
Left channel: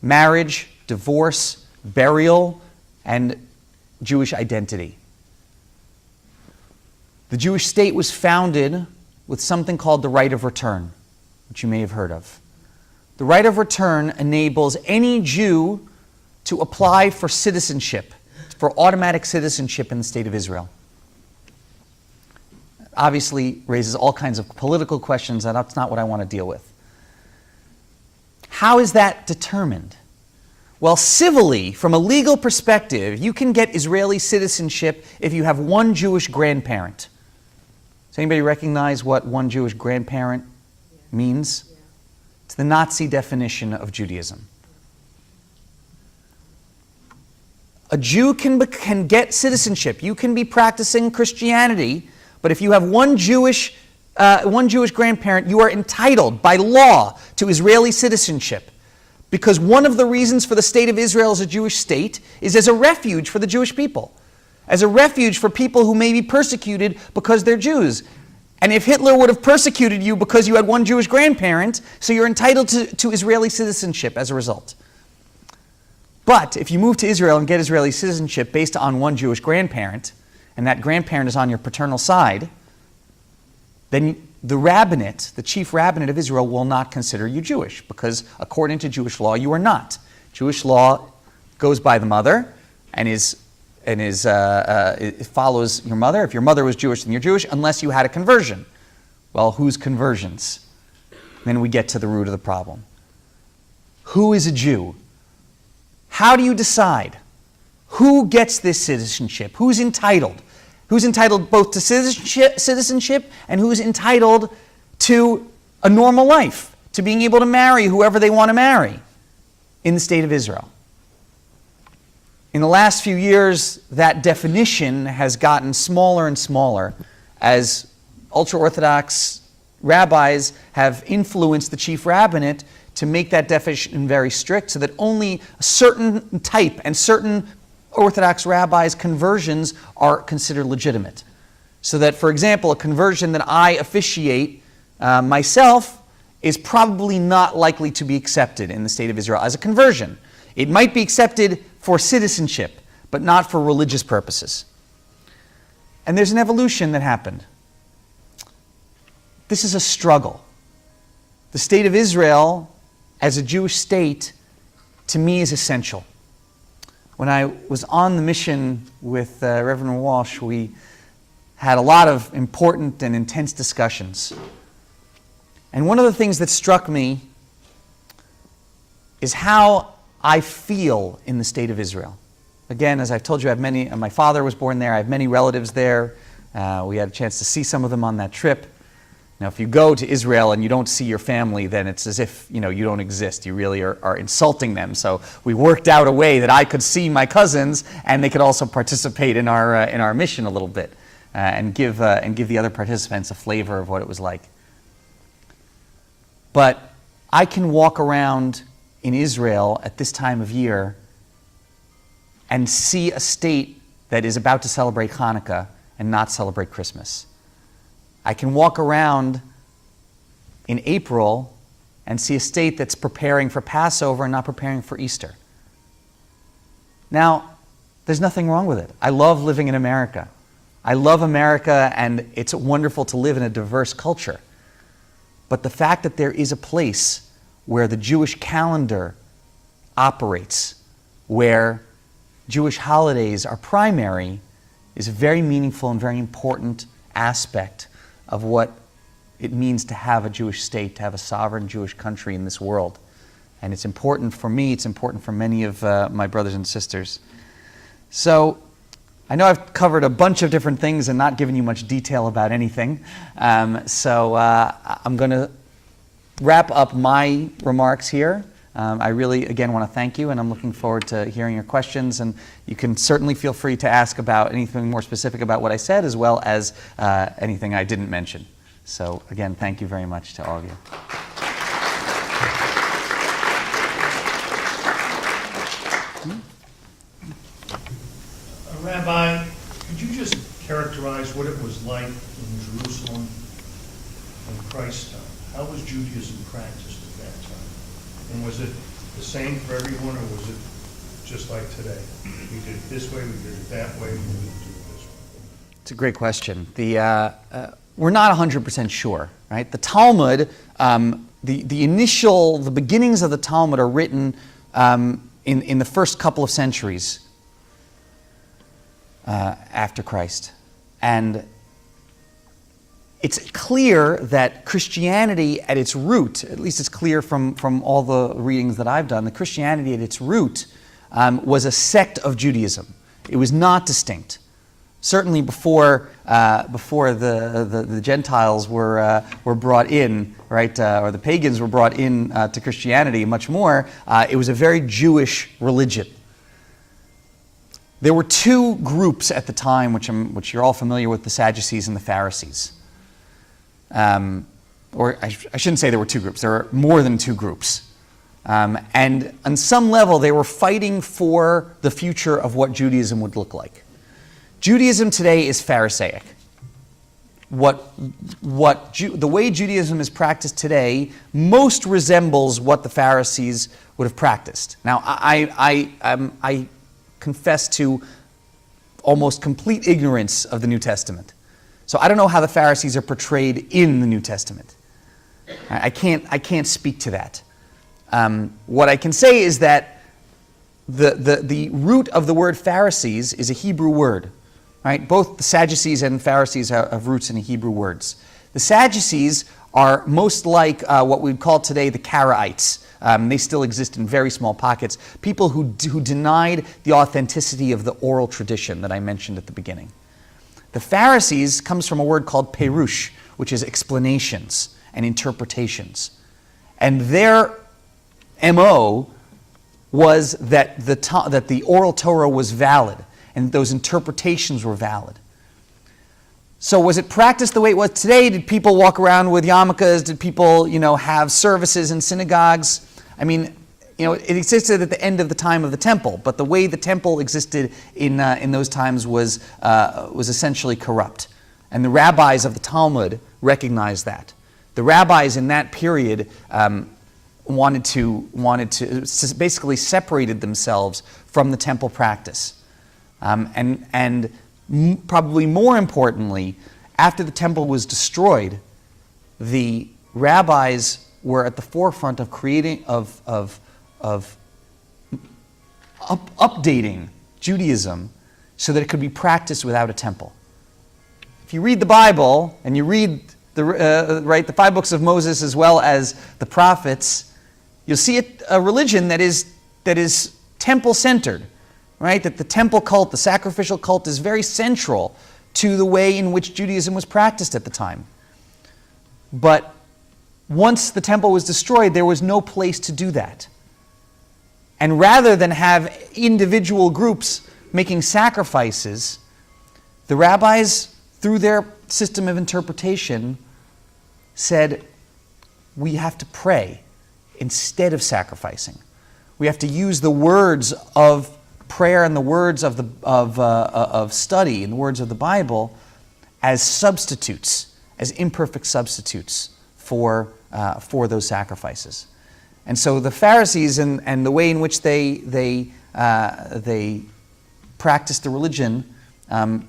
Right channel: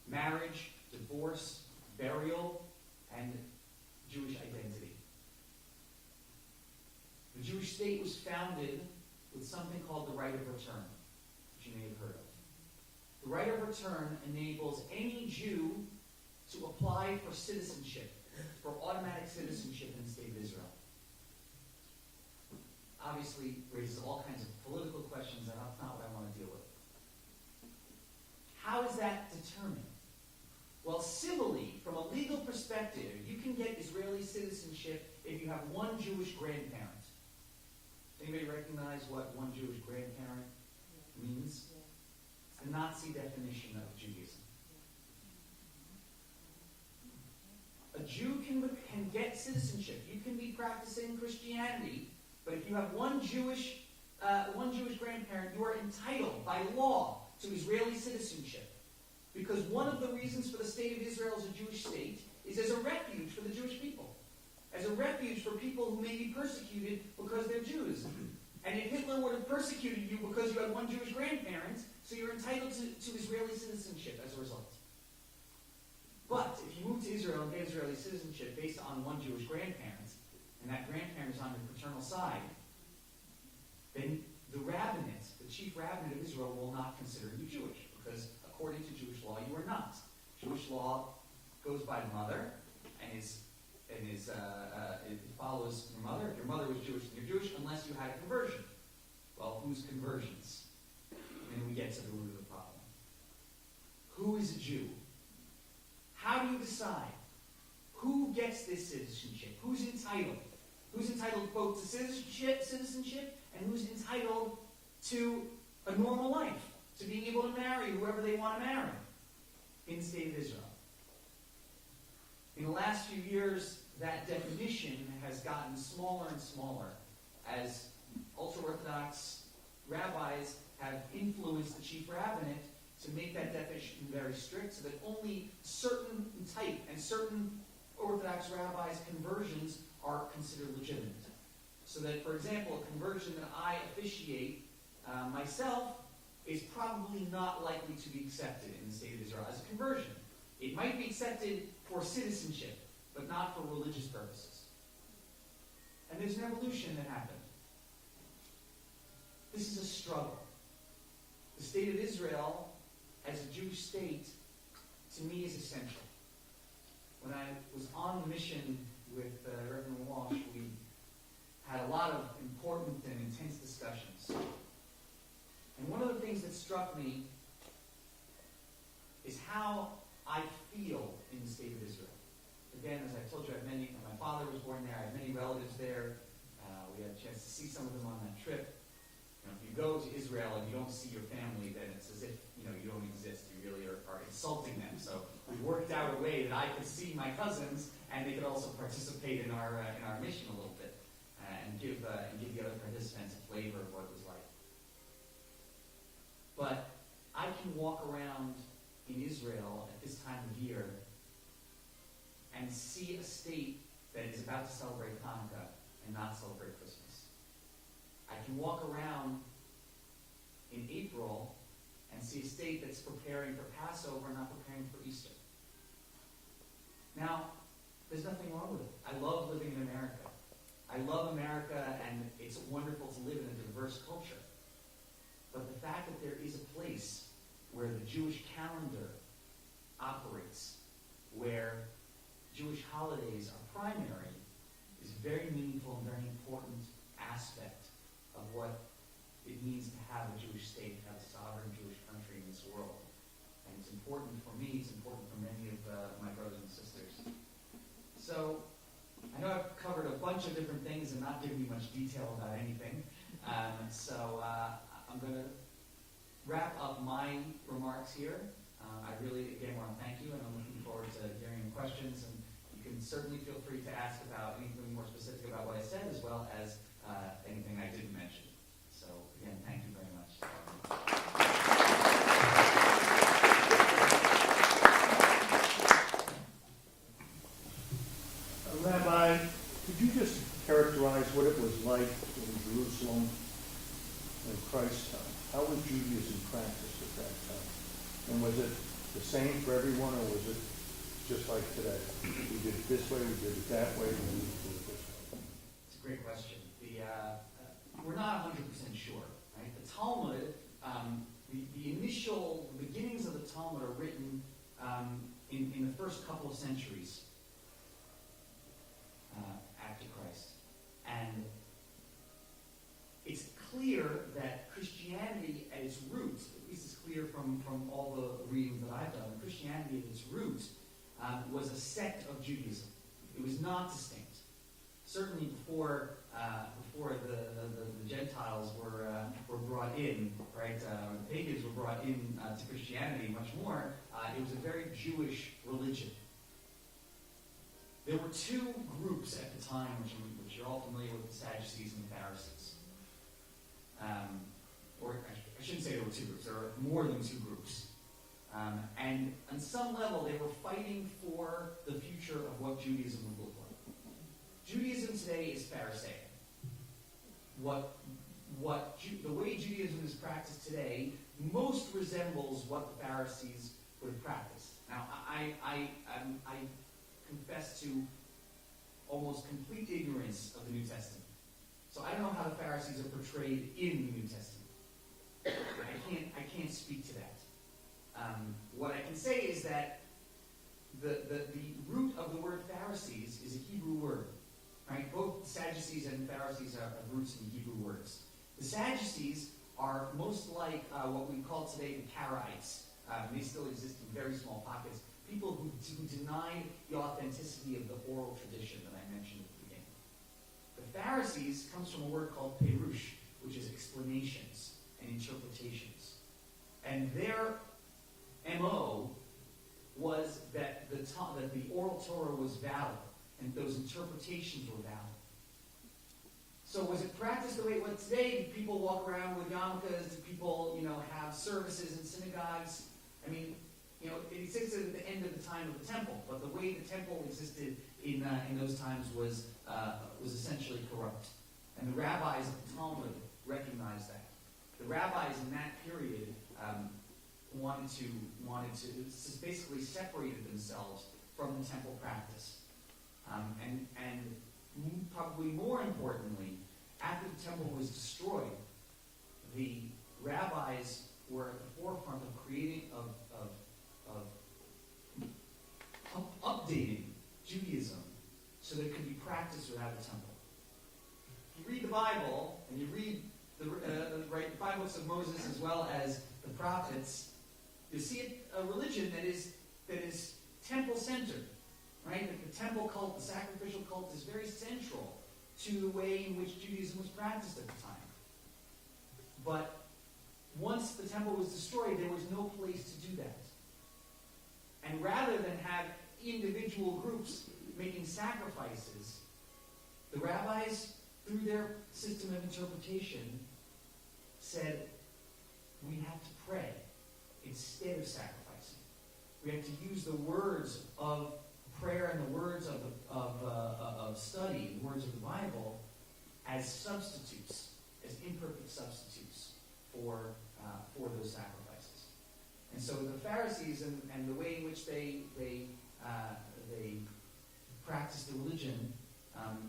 marriage, divorce, burial, and Jewish identity. The Jewish state was founded with something called the right of return, which you may have heard of. The right of return enables any Jew to apply for citizenship, for automatic citizenship in the State of Israel. Obviously raises all kinds of political questions, and that's not what I want to deal with. How is that determined? Well, civilly, from a legal perspective, you can get Israeli citizenship if you have one Jewish grandparent. Does anybody recognize what one Jewish grandparent means? It's the Nazi definition of Judaism. A Jew can get citizenship. You can be practicing Christianity, but if you have one Jewish grandparent, you are entitled by law to Israeli citizenship. Because one of the reasons for the State of Israel as a Jewish state is as a refuge for the Jewish people, as a refuge for people who may be persecuted because they're Jews. And if Hitler would have persecuted you because you had one Jewish grandparent, so you're entitled to Israeli citizenship as a result. But if you move to Israel and get Israeli citizenship based on one Jewish grandparent, and that grandparent is on your paternal side, then the rabbinate, the chief rabbinate of Israel, will not consider you Jewish, because according to Jewish law, you are not. Jewish law goes by the mother and it follows your mother. If your mother was Jewish, then you're Jewish, unless you had a conversion. Well, whose conversions? Then we get to the root of the problem. Who is a Jew? How do you decide? Who gets this citizenship? Who's entitled? Who's entitled both to citizenship and who's entitled to a normal life, to being able to marry whoever they want to marry in the State of Israel? In the last few years, that definition has gotten smaller and smaller as ultra-Orthodox rabbis have influenced the chief rabbinate to make that definition very strict so that only a certain type and certain Orthodox rabbis' conversions are considered legitimate. So that, for example, a conversion that I officiate myself is probably not likely to be accepted in the State of Israel as a conversion. It might be accepted for citizenship, but not for religious purposes. And there's an evolution that happened. this is a struggle. The state of Israel as a Jewish state, to me, is essential. When I was on the mission with Reverend Walsh, we had a lot of important and intense discussions. And one of the things that struck me is how I feel in the state of Israel. Again, as I've told you, I have many. My father was born there. I have many relatives there. We had a chance to see some of them on that trip. Now, if you go to Israel and you don't see your family, then it's as if you don't exist. You really are insulting them. So we worked out a way that I could see my cousins, and they could also participate in our mission a little bit, and give the other participants a flavor of what it was like. But I can walk around in Israel at this time of year and see a state that is about to celebrate Hanukkah and not celebrate Christmas. I can walk around in April and see a state that's preparing for Passover and not preparing for Easter. Now, there's nothing wrong with it. I love living in America. I love America, and it's wonderful to live in a diverse culture. But the fact that there is a place where the Jewish calendar operates, where Jewish holidays are primary, is a very meaningful and very important aspect of what it means to have a Jewish state, to have a sovereign Jewish country in this world. And it's important for me, it's important for many of my brothers and sisters. So, I know I've covered a bunch of different things and not given you much detail about anything. So I'm going to wrap up my remarks here. I really, again, want to thank you, and I'm looking forward to hearing your questions. And you can certainly feel free to ask about anything more specific about what I said, as well as anything I didn't mention. So, again, thank you very much to all of you. Rabbi, could you just characterize what it was like in Jerusalem in Christ's time? How was Judaism practiced at that time? And was it the same for everyone, or was it just like today? We did it this way, we did it that way, we didn't do it this way. It's a great question. We're not 100% sure, right? The Talmud, the beginnings of the Talmud are written in the first couple of centuries after Christ. And it's clear that Christianity at its root, at least it's clear from all the readings that I've done, that Christianity at its root was a sect of Judaism. It was not distinct. Certainly before the Gentiles were brought in, right, or the pagans were brought in to Christianity much more, it was a very Jewish religion. There were two groups at the time, which you're all familiar with, the Sadducees and the Pharisees. Or I shouldn't say there were two groups. There are more than two groups. And on some level, they were fighting for the future of what Judaism would look like. Judaism today is Pharisaic. The way Judaism is practiced today most resembles what the Pharisees would have practiced. Now, I confess to almost complete ignorance of the New Testament. So I don't know how the Pharisees are portrayed in the New Testament. I can't speak to that. What I can say is that the root of the word Pharisees is a Hebrew word. Right? Both the Sadducees and Pharisees have roots in Hebrew words. The Sadducees are most like what we'd call today the Karaites. They still exist in very small pockets. People who denied the authenticity of the oral tradition that I mentioned at the beginning. The Pharisees comes from a word called perush, which is explanations and interpretations. And their MO was that the oral Torah was valid, and those interpretations were valid. So was it practiced the way it was today? Did people walk around with yarmulkes? Did people, have services in synagogues? I mean, it existed at the end of the time of the temple, but the way the temple existed in those times was essentially corrupt. And the rabbis of the Talmud recognized that. The rabbis in that period wanted to basically separated themselves from the temple practice. Probably more importantly, after the temple was destroyed, the rabbis were at the forefront of creating, updating Judaism so that it could be practiced without a temple. If you read the Bible and you read the 5 books of Moses as well as the prophets, you'll see a religion that is temple-centered, right? That the temple cult, the sacrificial cult, is very central to the way in which Judaism was practiced at the time. But once the temple was destroyed, there was no place to do that. And rather than have individual groups making sacrifices, the rabbis, through their system of interpretation, said, we have to pray instead of sacrificing. We have to use the words of prayer and the words of study and the words of the Bible as substitutes, as imperfect substitutes for those sacrifices. And so the Pharisees and the way in which they practiced the religion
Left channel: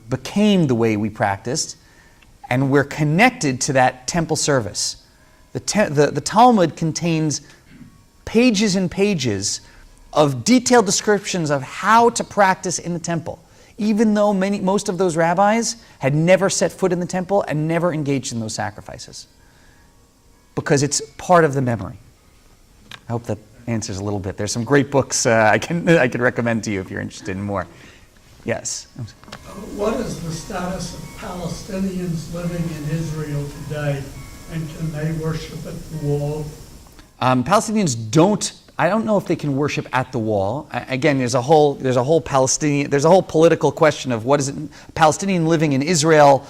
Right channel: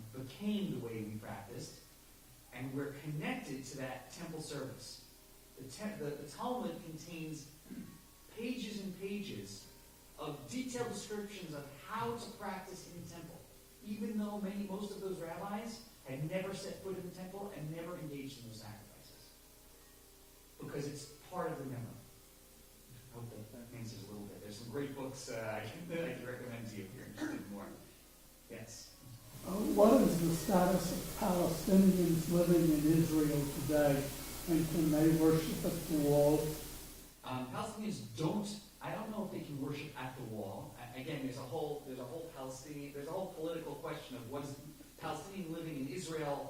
became the way we practiced, and we're connected to that temple service. The Talmud contains pages and pages of detailed descriptions of how to practice in the temple, even though most of those rabbis had never set foot in the temple and never engaged in those sacrifices, because it's part of the memory. I hope that answers a little bit. There's some great books I can recommend to you if you're interested in more. Yes? What is the status of Palestinians living in Israel today, and can they worship at the wall? Palestinians don't. I don't know if they can worship at the wall. Again, there's a whole political question of what is it, Palestinian living in Israel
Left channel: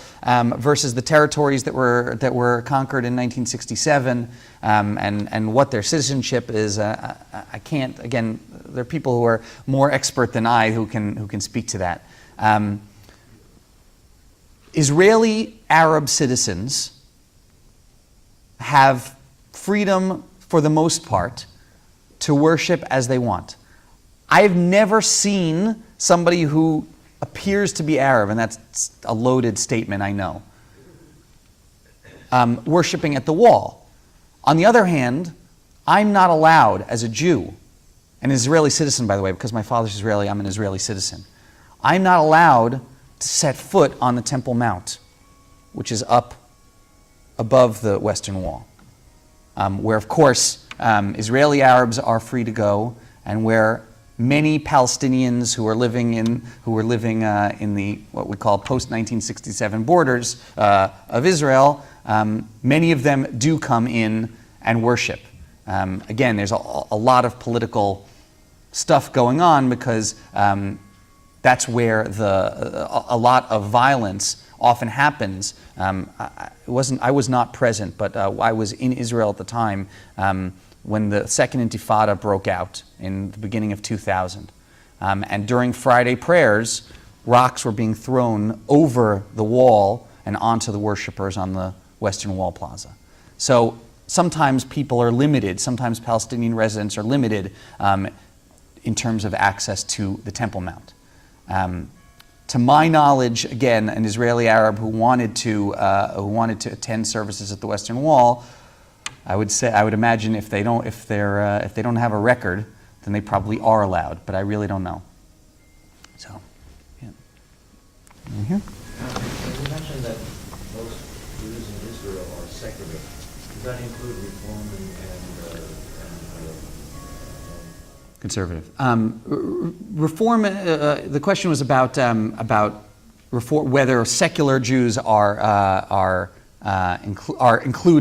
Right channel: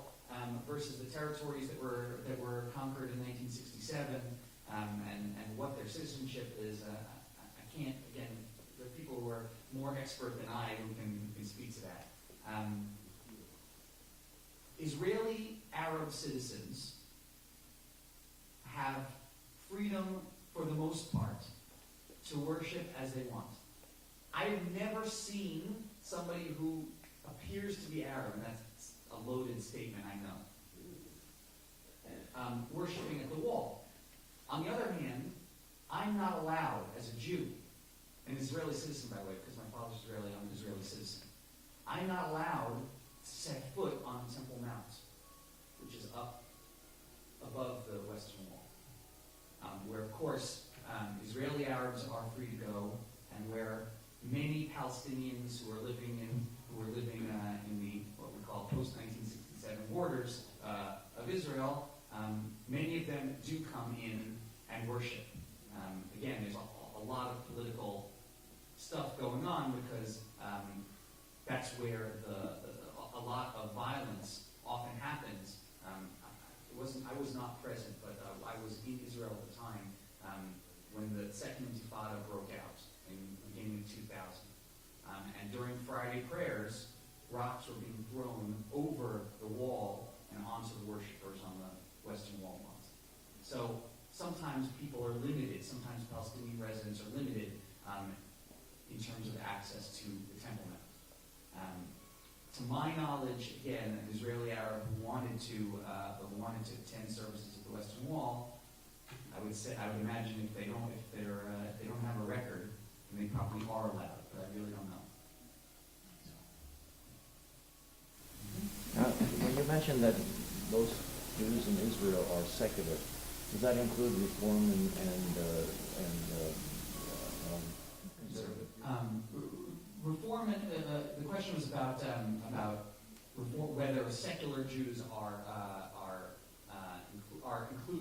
versus the territories that were conquered in 1967, and what their citizenship is. I can't. Again, there are people who are more expert than I who can speak to that. Israeli Arab citizens have freedom for the most part to worship as they want. I've never seen somebody who appears to be Arab, and that's a loaded statement, I know, worshiping at the wall. On the other hand, I'm not allowed as a Jew, an Israeli citizen, by the way, because my father's Israeli, I'm an Israeli citizen. I'm not allowed to set foot on the Temple Mount, which is up above the Western Wall, where, of course, Israeli Arabs are free to go, and where many Palestinians who were living in the what we call post-1967 borders of Israel, many of them do come in and worship. Again, there's a lot of political stuff going on because that's where a lot of violence often happens. I was not present, but I was in Israel at the time when the Second Intifada broke out in the beginning of 2000. And during Friday prayers, rocks were being thrown over the wall and onto the worshipers on the Western Wall Plaza. So sometimes people are limited, sometimes Palestinian residents are limited in terms of access to the Temple Mount. To my knowledge, again, an Israeli Arab who wanted to attend services at the Western Wall, I would imagine if they don't have a record, then they probably are allowed, but I really don't know. So, yeah. Over here? You mentioned that most Jews in Israel are secular. Does that include Reform and conservative? Reform. The question was about reform, whether secular Jews include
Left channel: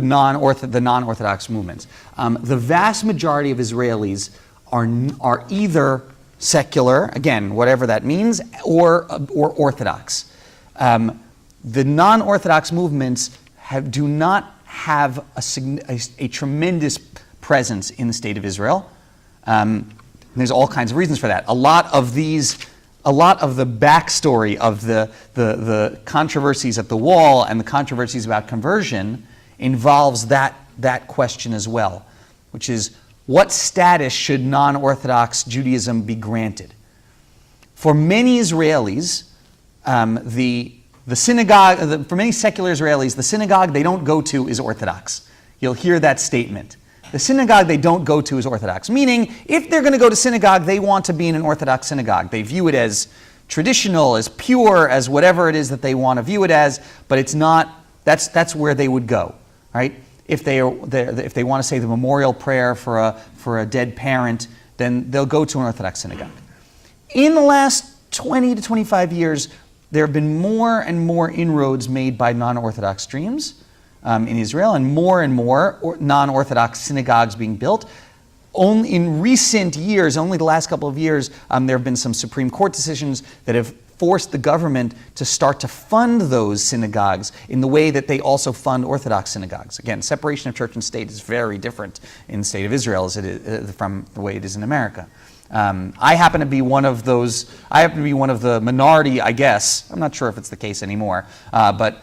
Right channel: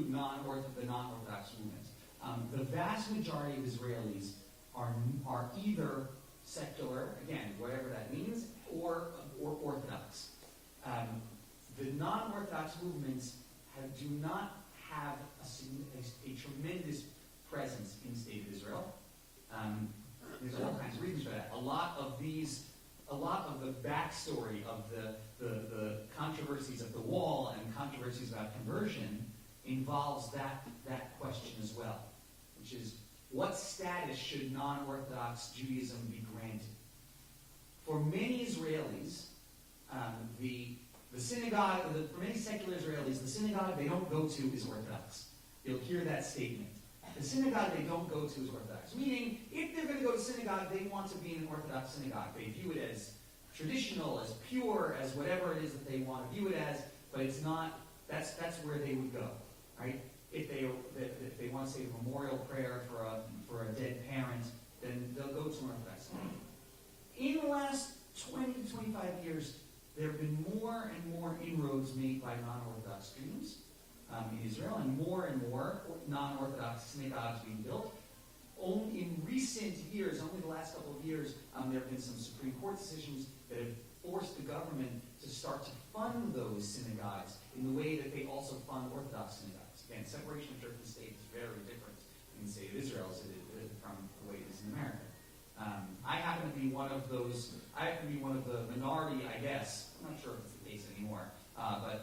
the non-Orthodox movements. The vast majority of Israelis are either secular, again, whatever that means, or Orthodox. The non-Orthodox movements do not have a tremendous presence in the state of Israel. There's all kinds of reasons for that. A lot of the backstory of the controversies at the wall and the controversies about conversion involves that question as well, which is, what status should non-Orthodox Judaism be granted? For many Israelis, the The synagogue, for many secular Israelis, the synagogue they don't go to is Orthodox. You'll hear that statement. The synagogue they don't go to is Orthodox, meaning if they're going to go to synagogue, they want to be in an Orthodox synagogue. They view it as traditional, as pure, as whatever it is that they want to view it as, but it's not, that's where they would go, right? If they want to say the memorial prayer for a dead parent, then they'll go to an Orthodox synagogue. In the last 20 to 25 years, there have been more and more inroads made by non-Orthodox streams in Israel, and more non-Orthodox synagogues being built. Only in recent years, only the last couple of years, there have been some Supreme Court decisions that have forced the government to start to fund those synagogues in the way that they also fund Orthodox synagogues. Again, separation of church and state is very different in the state of Israel as it is, from the way it is in America. I happen to be one of those. I happen to be one of the minority, I guess. I'm not sure if it's the case anymore, but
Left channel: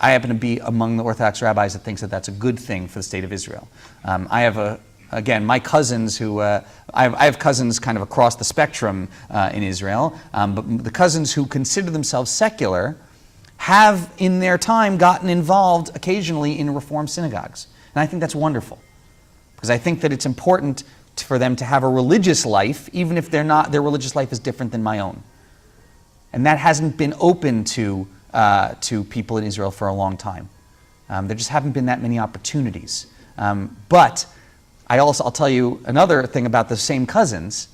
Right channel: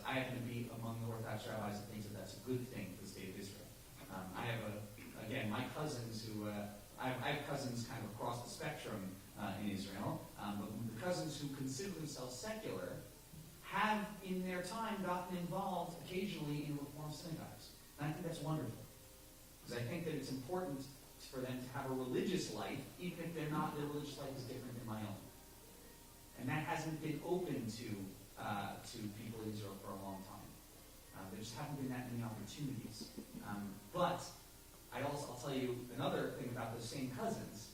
I happen to be among the Orthodox rabbis that thinks that that's a good thing for the state of Israel. I have again, my cousins who, I have cousins kind of across the spectrum in Israel, but the cousins who consider themselves secular have in their time gotten involved occasionally in Reform synagogues. And I think that's wonderful, because I think that it's important for them to have a religious life, even if their religious life is different than my own. And that hasn't been open to people in Israel for a long time. There just haven't been that many opportunities. But I'll tell you another thing about the same cousins.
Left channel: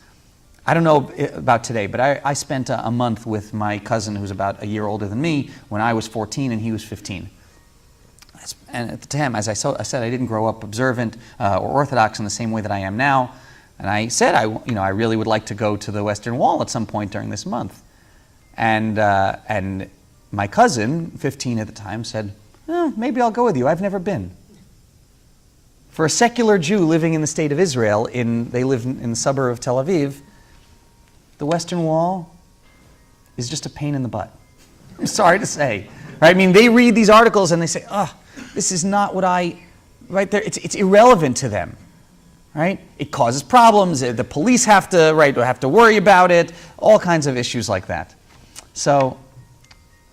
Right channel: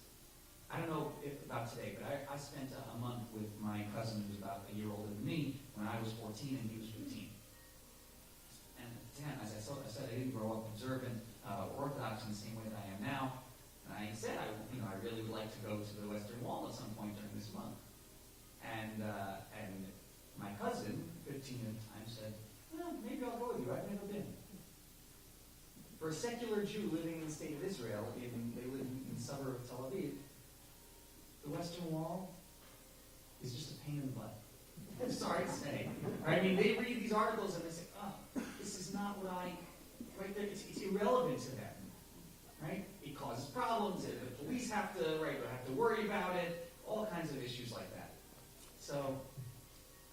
I don't know about today, but I spent a month with my cousin who's about a year older than me when I was 14 and he was 15. And at the time, as I said, I didn't grow up observant or Orthodox in the same way that I am now. And I said, I really would like to go to the Western Wall at some point during this month. And my cousin, 15 at the time, said, maybe I'll go with you. I've never been. For a secular Jew living in the state of Israel, they live in the suburb of Tel Aviv, the Western Wall is just a pain in the butt. I'm sorry to say. Right? I mean, they read these articles and they say, this is not what right there, it's irrelevant to them. Right? It causes problems. The police have to worry about it. All kinds of issues like that. So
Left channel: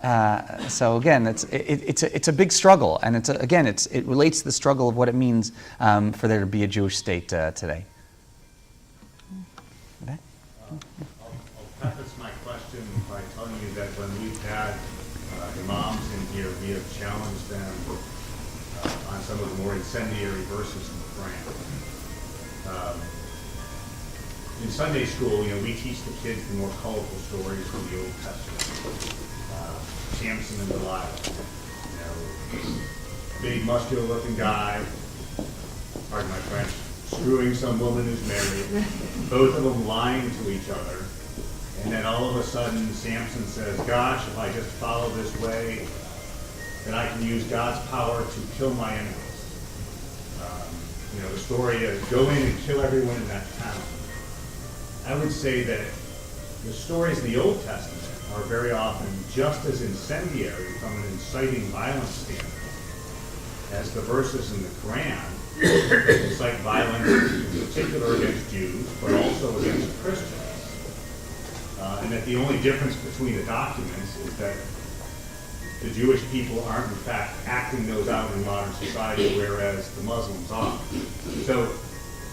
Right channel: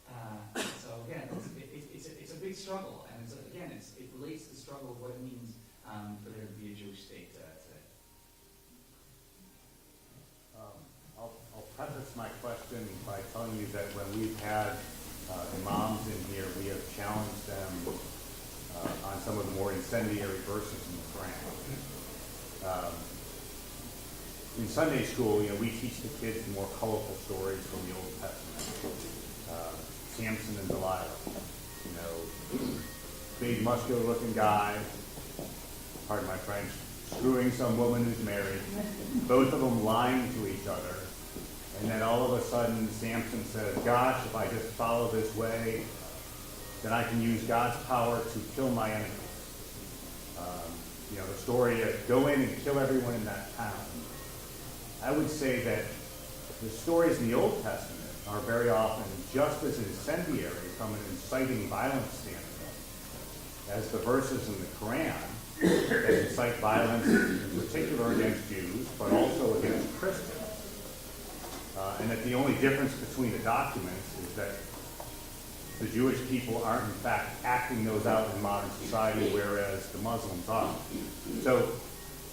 again, it's a big struggle, and it relates to the struggle of what it means for there to be a Jewish state today. Okay. I'll preface my question by telling you that when we've had imams in here, we have challenged them on some of the more incendiary verses in the Quran. In Sunday school, we teach the kids the more colorful stories from the Old Testament. Samson and Delilah, big muscular-looking guy, pardon my French, screwing some woman who's married, both of them lying to each other, and then all of a sudden Samson says, gosh, if I just follow this way, then I can use God's power to kill my enemies. The story is go in and kill everyone in that town. I would say that the stories in the Old Testament are very often just as incendiary from an inciting violence standpoint as the verses in the Quran incite violence in particular against Jews, but also against Christians. And that the only difference between the documents is that the Jewish people aren't in fact acting those out in modern society, whereas the Muslims are. So,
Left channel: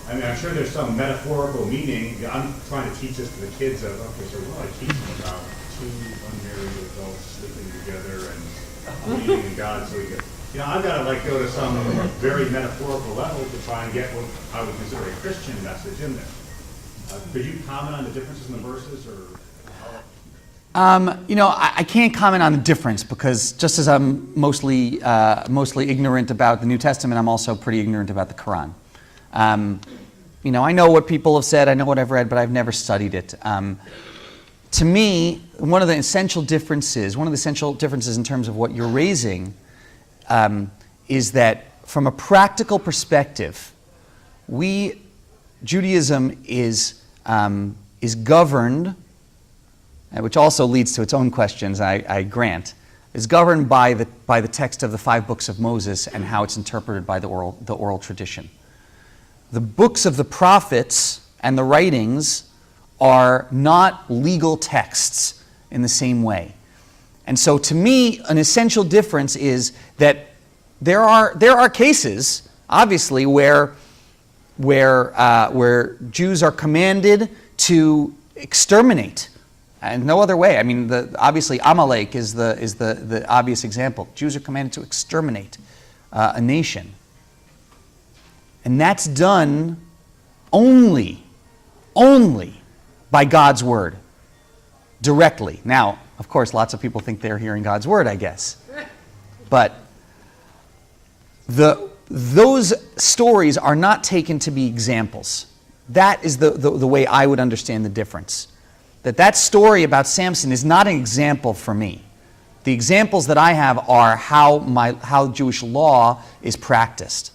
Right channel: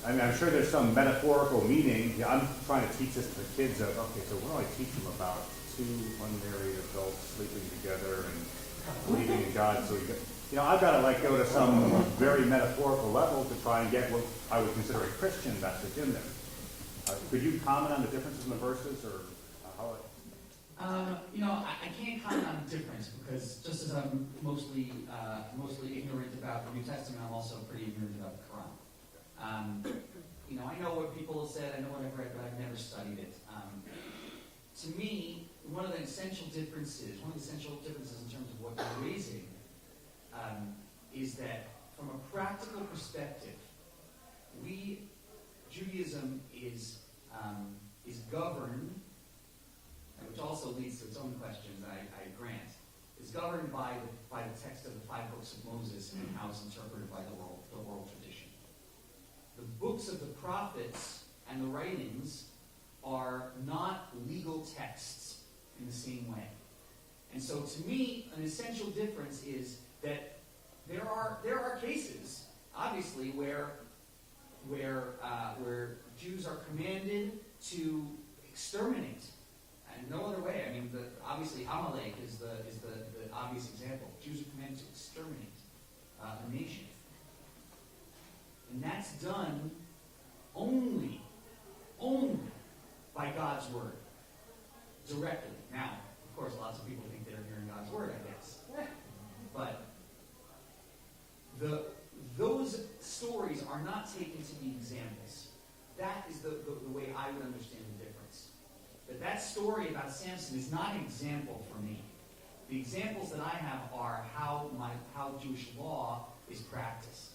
I'm sure there's some metaphorical meaning. I'm trying to teach this to the kids of, okay, so what do I teach them about two unmarried adults sleeping together and believing in God? So we can, I've got to go to some very metaphorical level to try and get what I would consider a Christian message in there. Could you comment on the differences in the verses, or I can't comment on the difference, because just as I'm mostly ignorant about the New Testament, I'm also pretty ignorant about the Quran. I know what people have said, I know what I've read, but I've never studied it. To me, one of the essential differences in terms of what you're raising is that from a practical perspective, Judaism is governed, which also leads to its own questions, I grant, is governed by the text of the 5 books of Moses and how it's interpreted by the oral tradition. The books of the prophets and the writings are not legal texts in the same way. And so to me, an essential difference is that there are cases, obviously, where Jews are commanded to exterminate, and no other way. I mean, obviously Amalek is the obvious example. Jews are commanded to exterminate a nation, and that's done only by God's word, directly. Now, of course, lots of people think they're hearing God's word, I guess, but those stories are not taken to be examples. That is the way I would understand the difference. That story about Samson is not an example for me. The examples that I have are how Jewish law is practiced.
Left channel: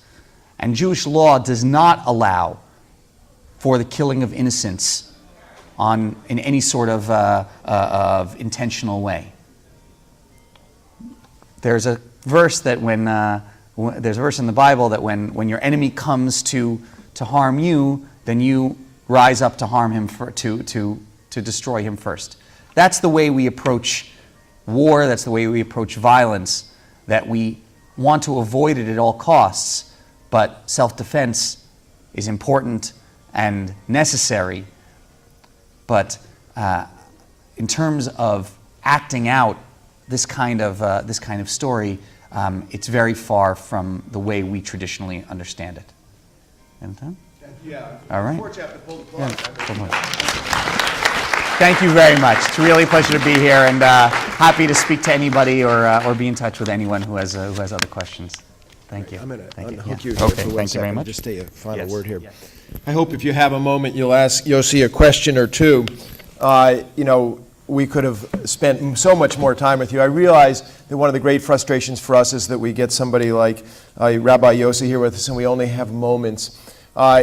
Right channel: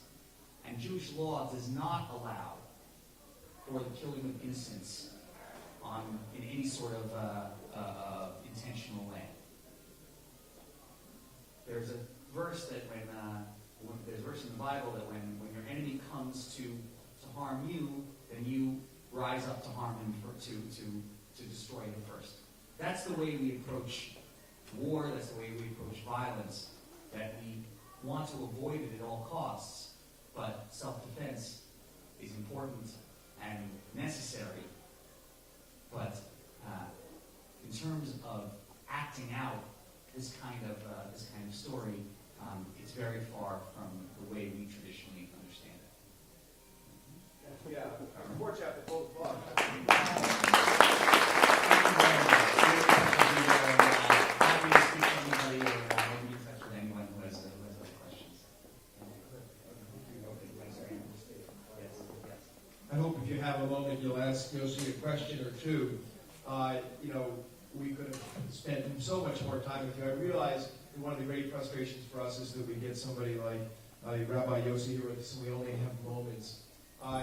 And Jewish law does not allow for the killing of innocents in any sort of intentional way. There's a verse that there's a verse in the Bible that when your enemy comes to harm you, then you rise up to harm him, to destroy him first. That's the way we approach war, that's the way we approach violence, that we want to avoid it at all costs, but self-defense is important and necessary. But in terms of acting out this kind of story, it's very far from the way we traditionally understand it. Anything? Yeah. All right. Before chapter, pull the plug. Thank you very much. It's really a pleasure to be here, and happy to speak to anybody or be in touch with anyone who has other questions. Thank you. I'm going to Thank you. unhook Yeah. you here Okay, for one thank you very second. much. Just say a final Yes. word here. Yes. I hope if you have a moment, you'll ask Yossi a question or two. We could have spent so much more time with you. I realize that one of the great frustrations for us is that we get somebody like Rabbi Yossi here with us, and we only have moments.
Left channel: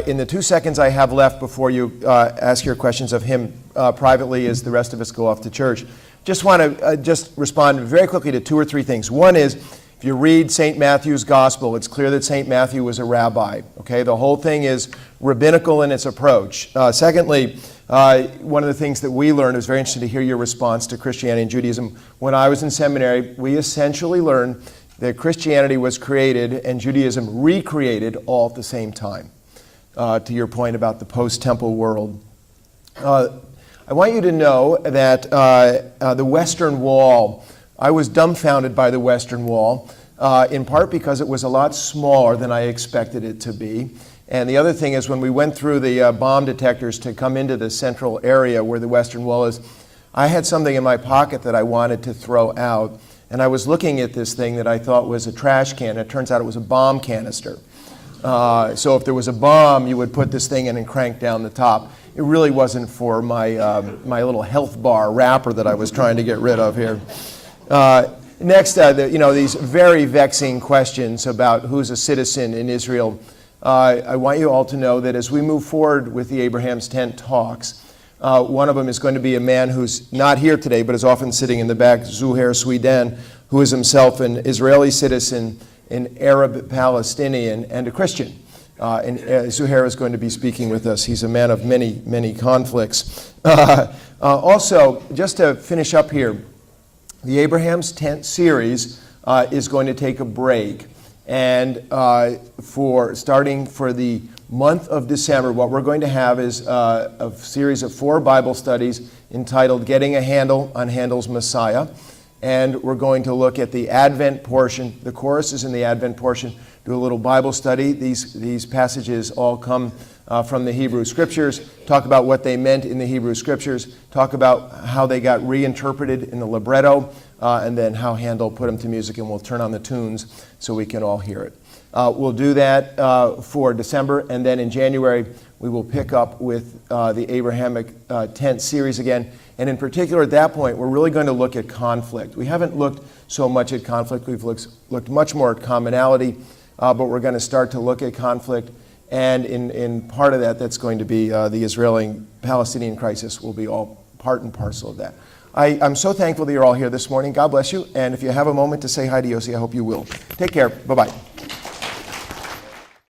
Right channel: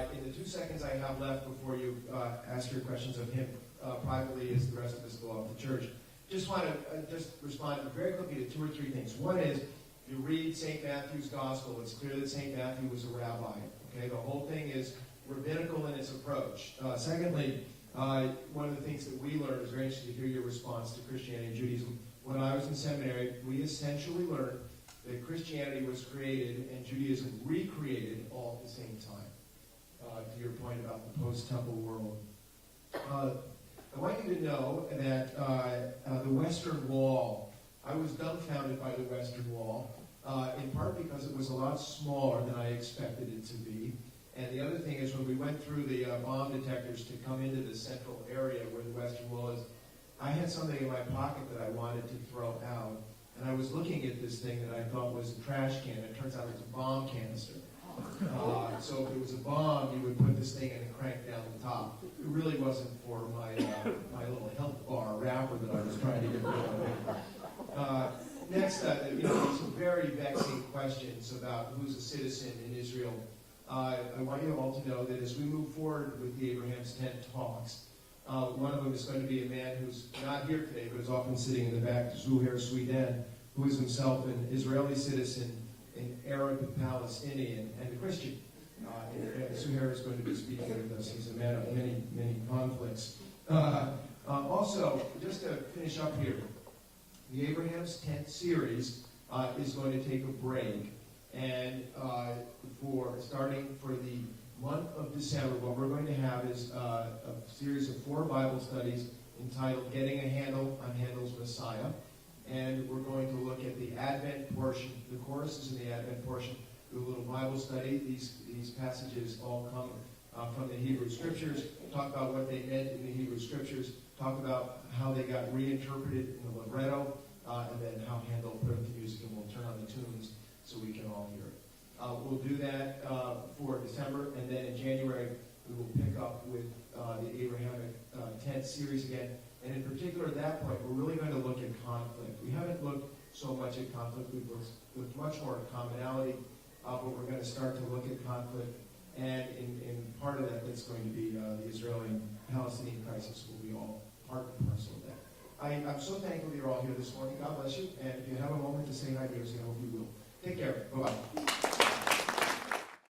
In the 2 seconds I have left before you ask your questions of him privately as the rest of us go off to church, just want to just respond very quickly to 2 or 3 things. One is, if you read St. Matthew's Gospel, it's clear that St. Matthew was a rabbi. Okay, the whole thing is rabbinical in its approach. Secondly, one of the things that we learned, it was very interesting to hear your response to Christianity and Judaism. When I was in seminary, we essentially learned that Christianity was created and Judaism recreated all at the same time. To your point about the post-temple world. I want you to know that the Western Wall, I was dumbfounded by the Western Wall, in part because it was a lot smaller than I expected it to be. And the other thing is, when we went through the bomb detectors to come into the central area where the Western Wall is, I had something in my pocket that I wanted to throw out. And I was looking at this thing that I thought was a trash can. It turns out it was a bomb canister. So if there was a bomb, you would put this thing in and crank down the top. It really wasn't for my little health bar wrapper that I was trying to get rid of here. Next, these very vexing questions about who's a citizen in Israel. I want you all to know that as we move forward with the Abraham's Tent talks, one of them is going to be a man who's not here today, but is often sitting in the back, Zuhair Sweden, who is himself an Israeli citizen, an Arab Palestinian, and a Christian. And Zuhair is going to be speaking with us. He's a man of many, many conflicts. Also, just to finish up here, the Abraham's Tent series is going to take a break. And starting for the month of December, what we're going to have is a series of 4 Bible studies entitled Getting a Handle on Handel's Messiah. And we're going to look at the Advent portion, the choruses in the Advent portion, do a little Bible study. These passages all come from the Hebrew Scriptures, talk about what they meant in the Hebrew Scriptures, talk about how they got reinterpreted in the libretto, and then how Handel put them to music, and we'll turn on the tunes so we can all hear it. We'll do that for December, and then in January we will pick up with the Abrahamic Tent series again. And in particular, at that point, we're really going to look at conflict. We haven't looked so much at conflict. We've looked much more at commonality, but we're going to start to look at conflict. And in part of that, that's going to be the Israeli-Palestinian crisis will be all part and parcel of that. I'm so thankful that you're all here this morning. God bless you. And if you have a moment to say hi to Yossi, I hope you will. Take care. Bye-bye.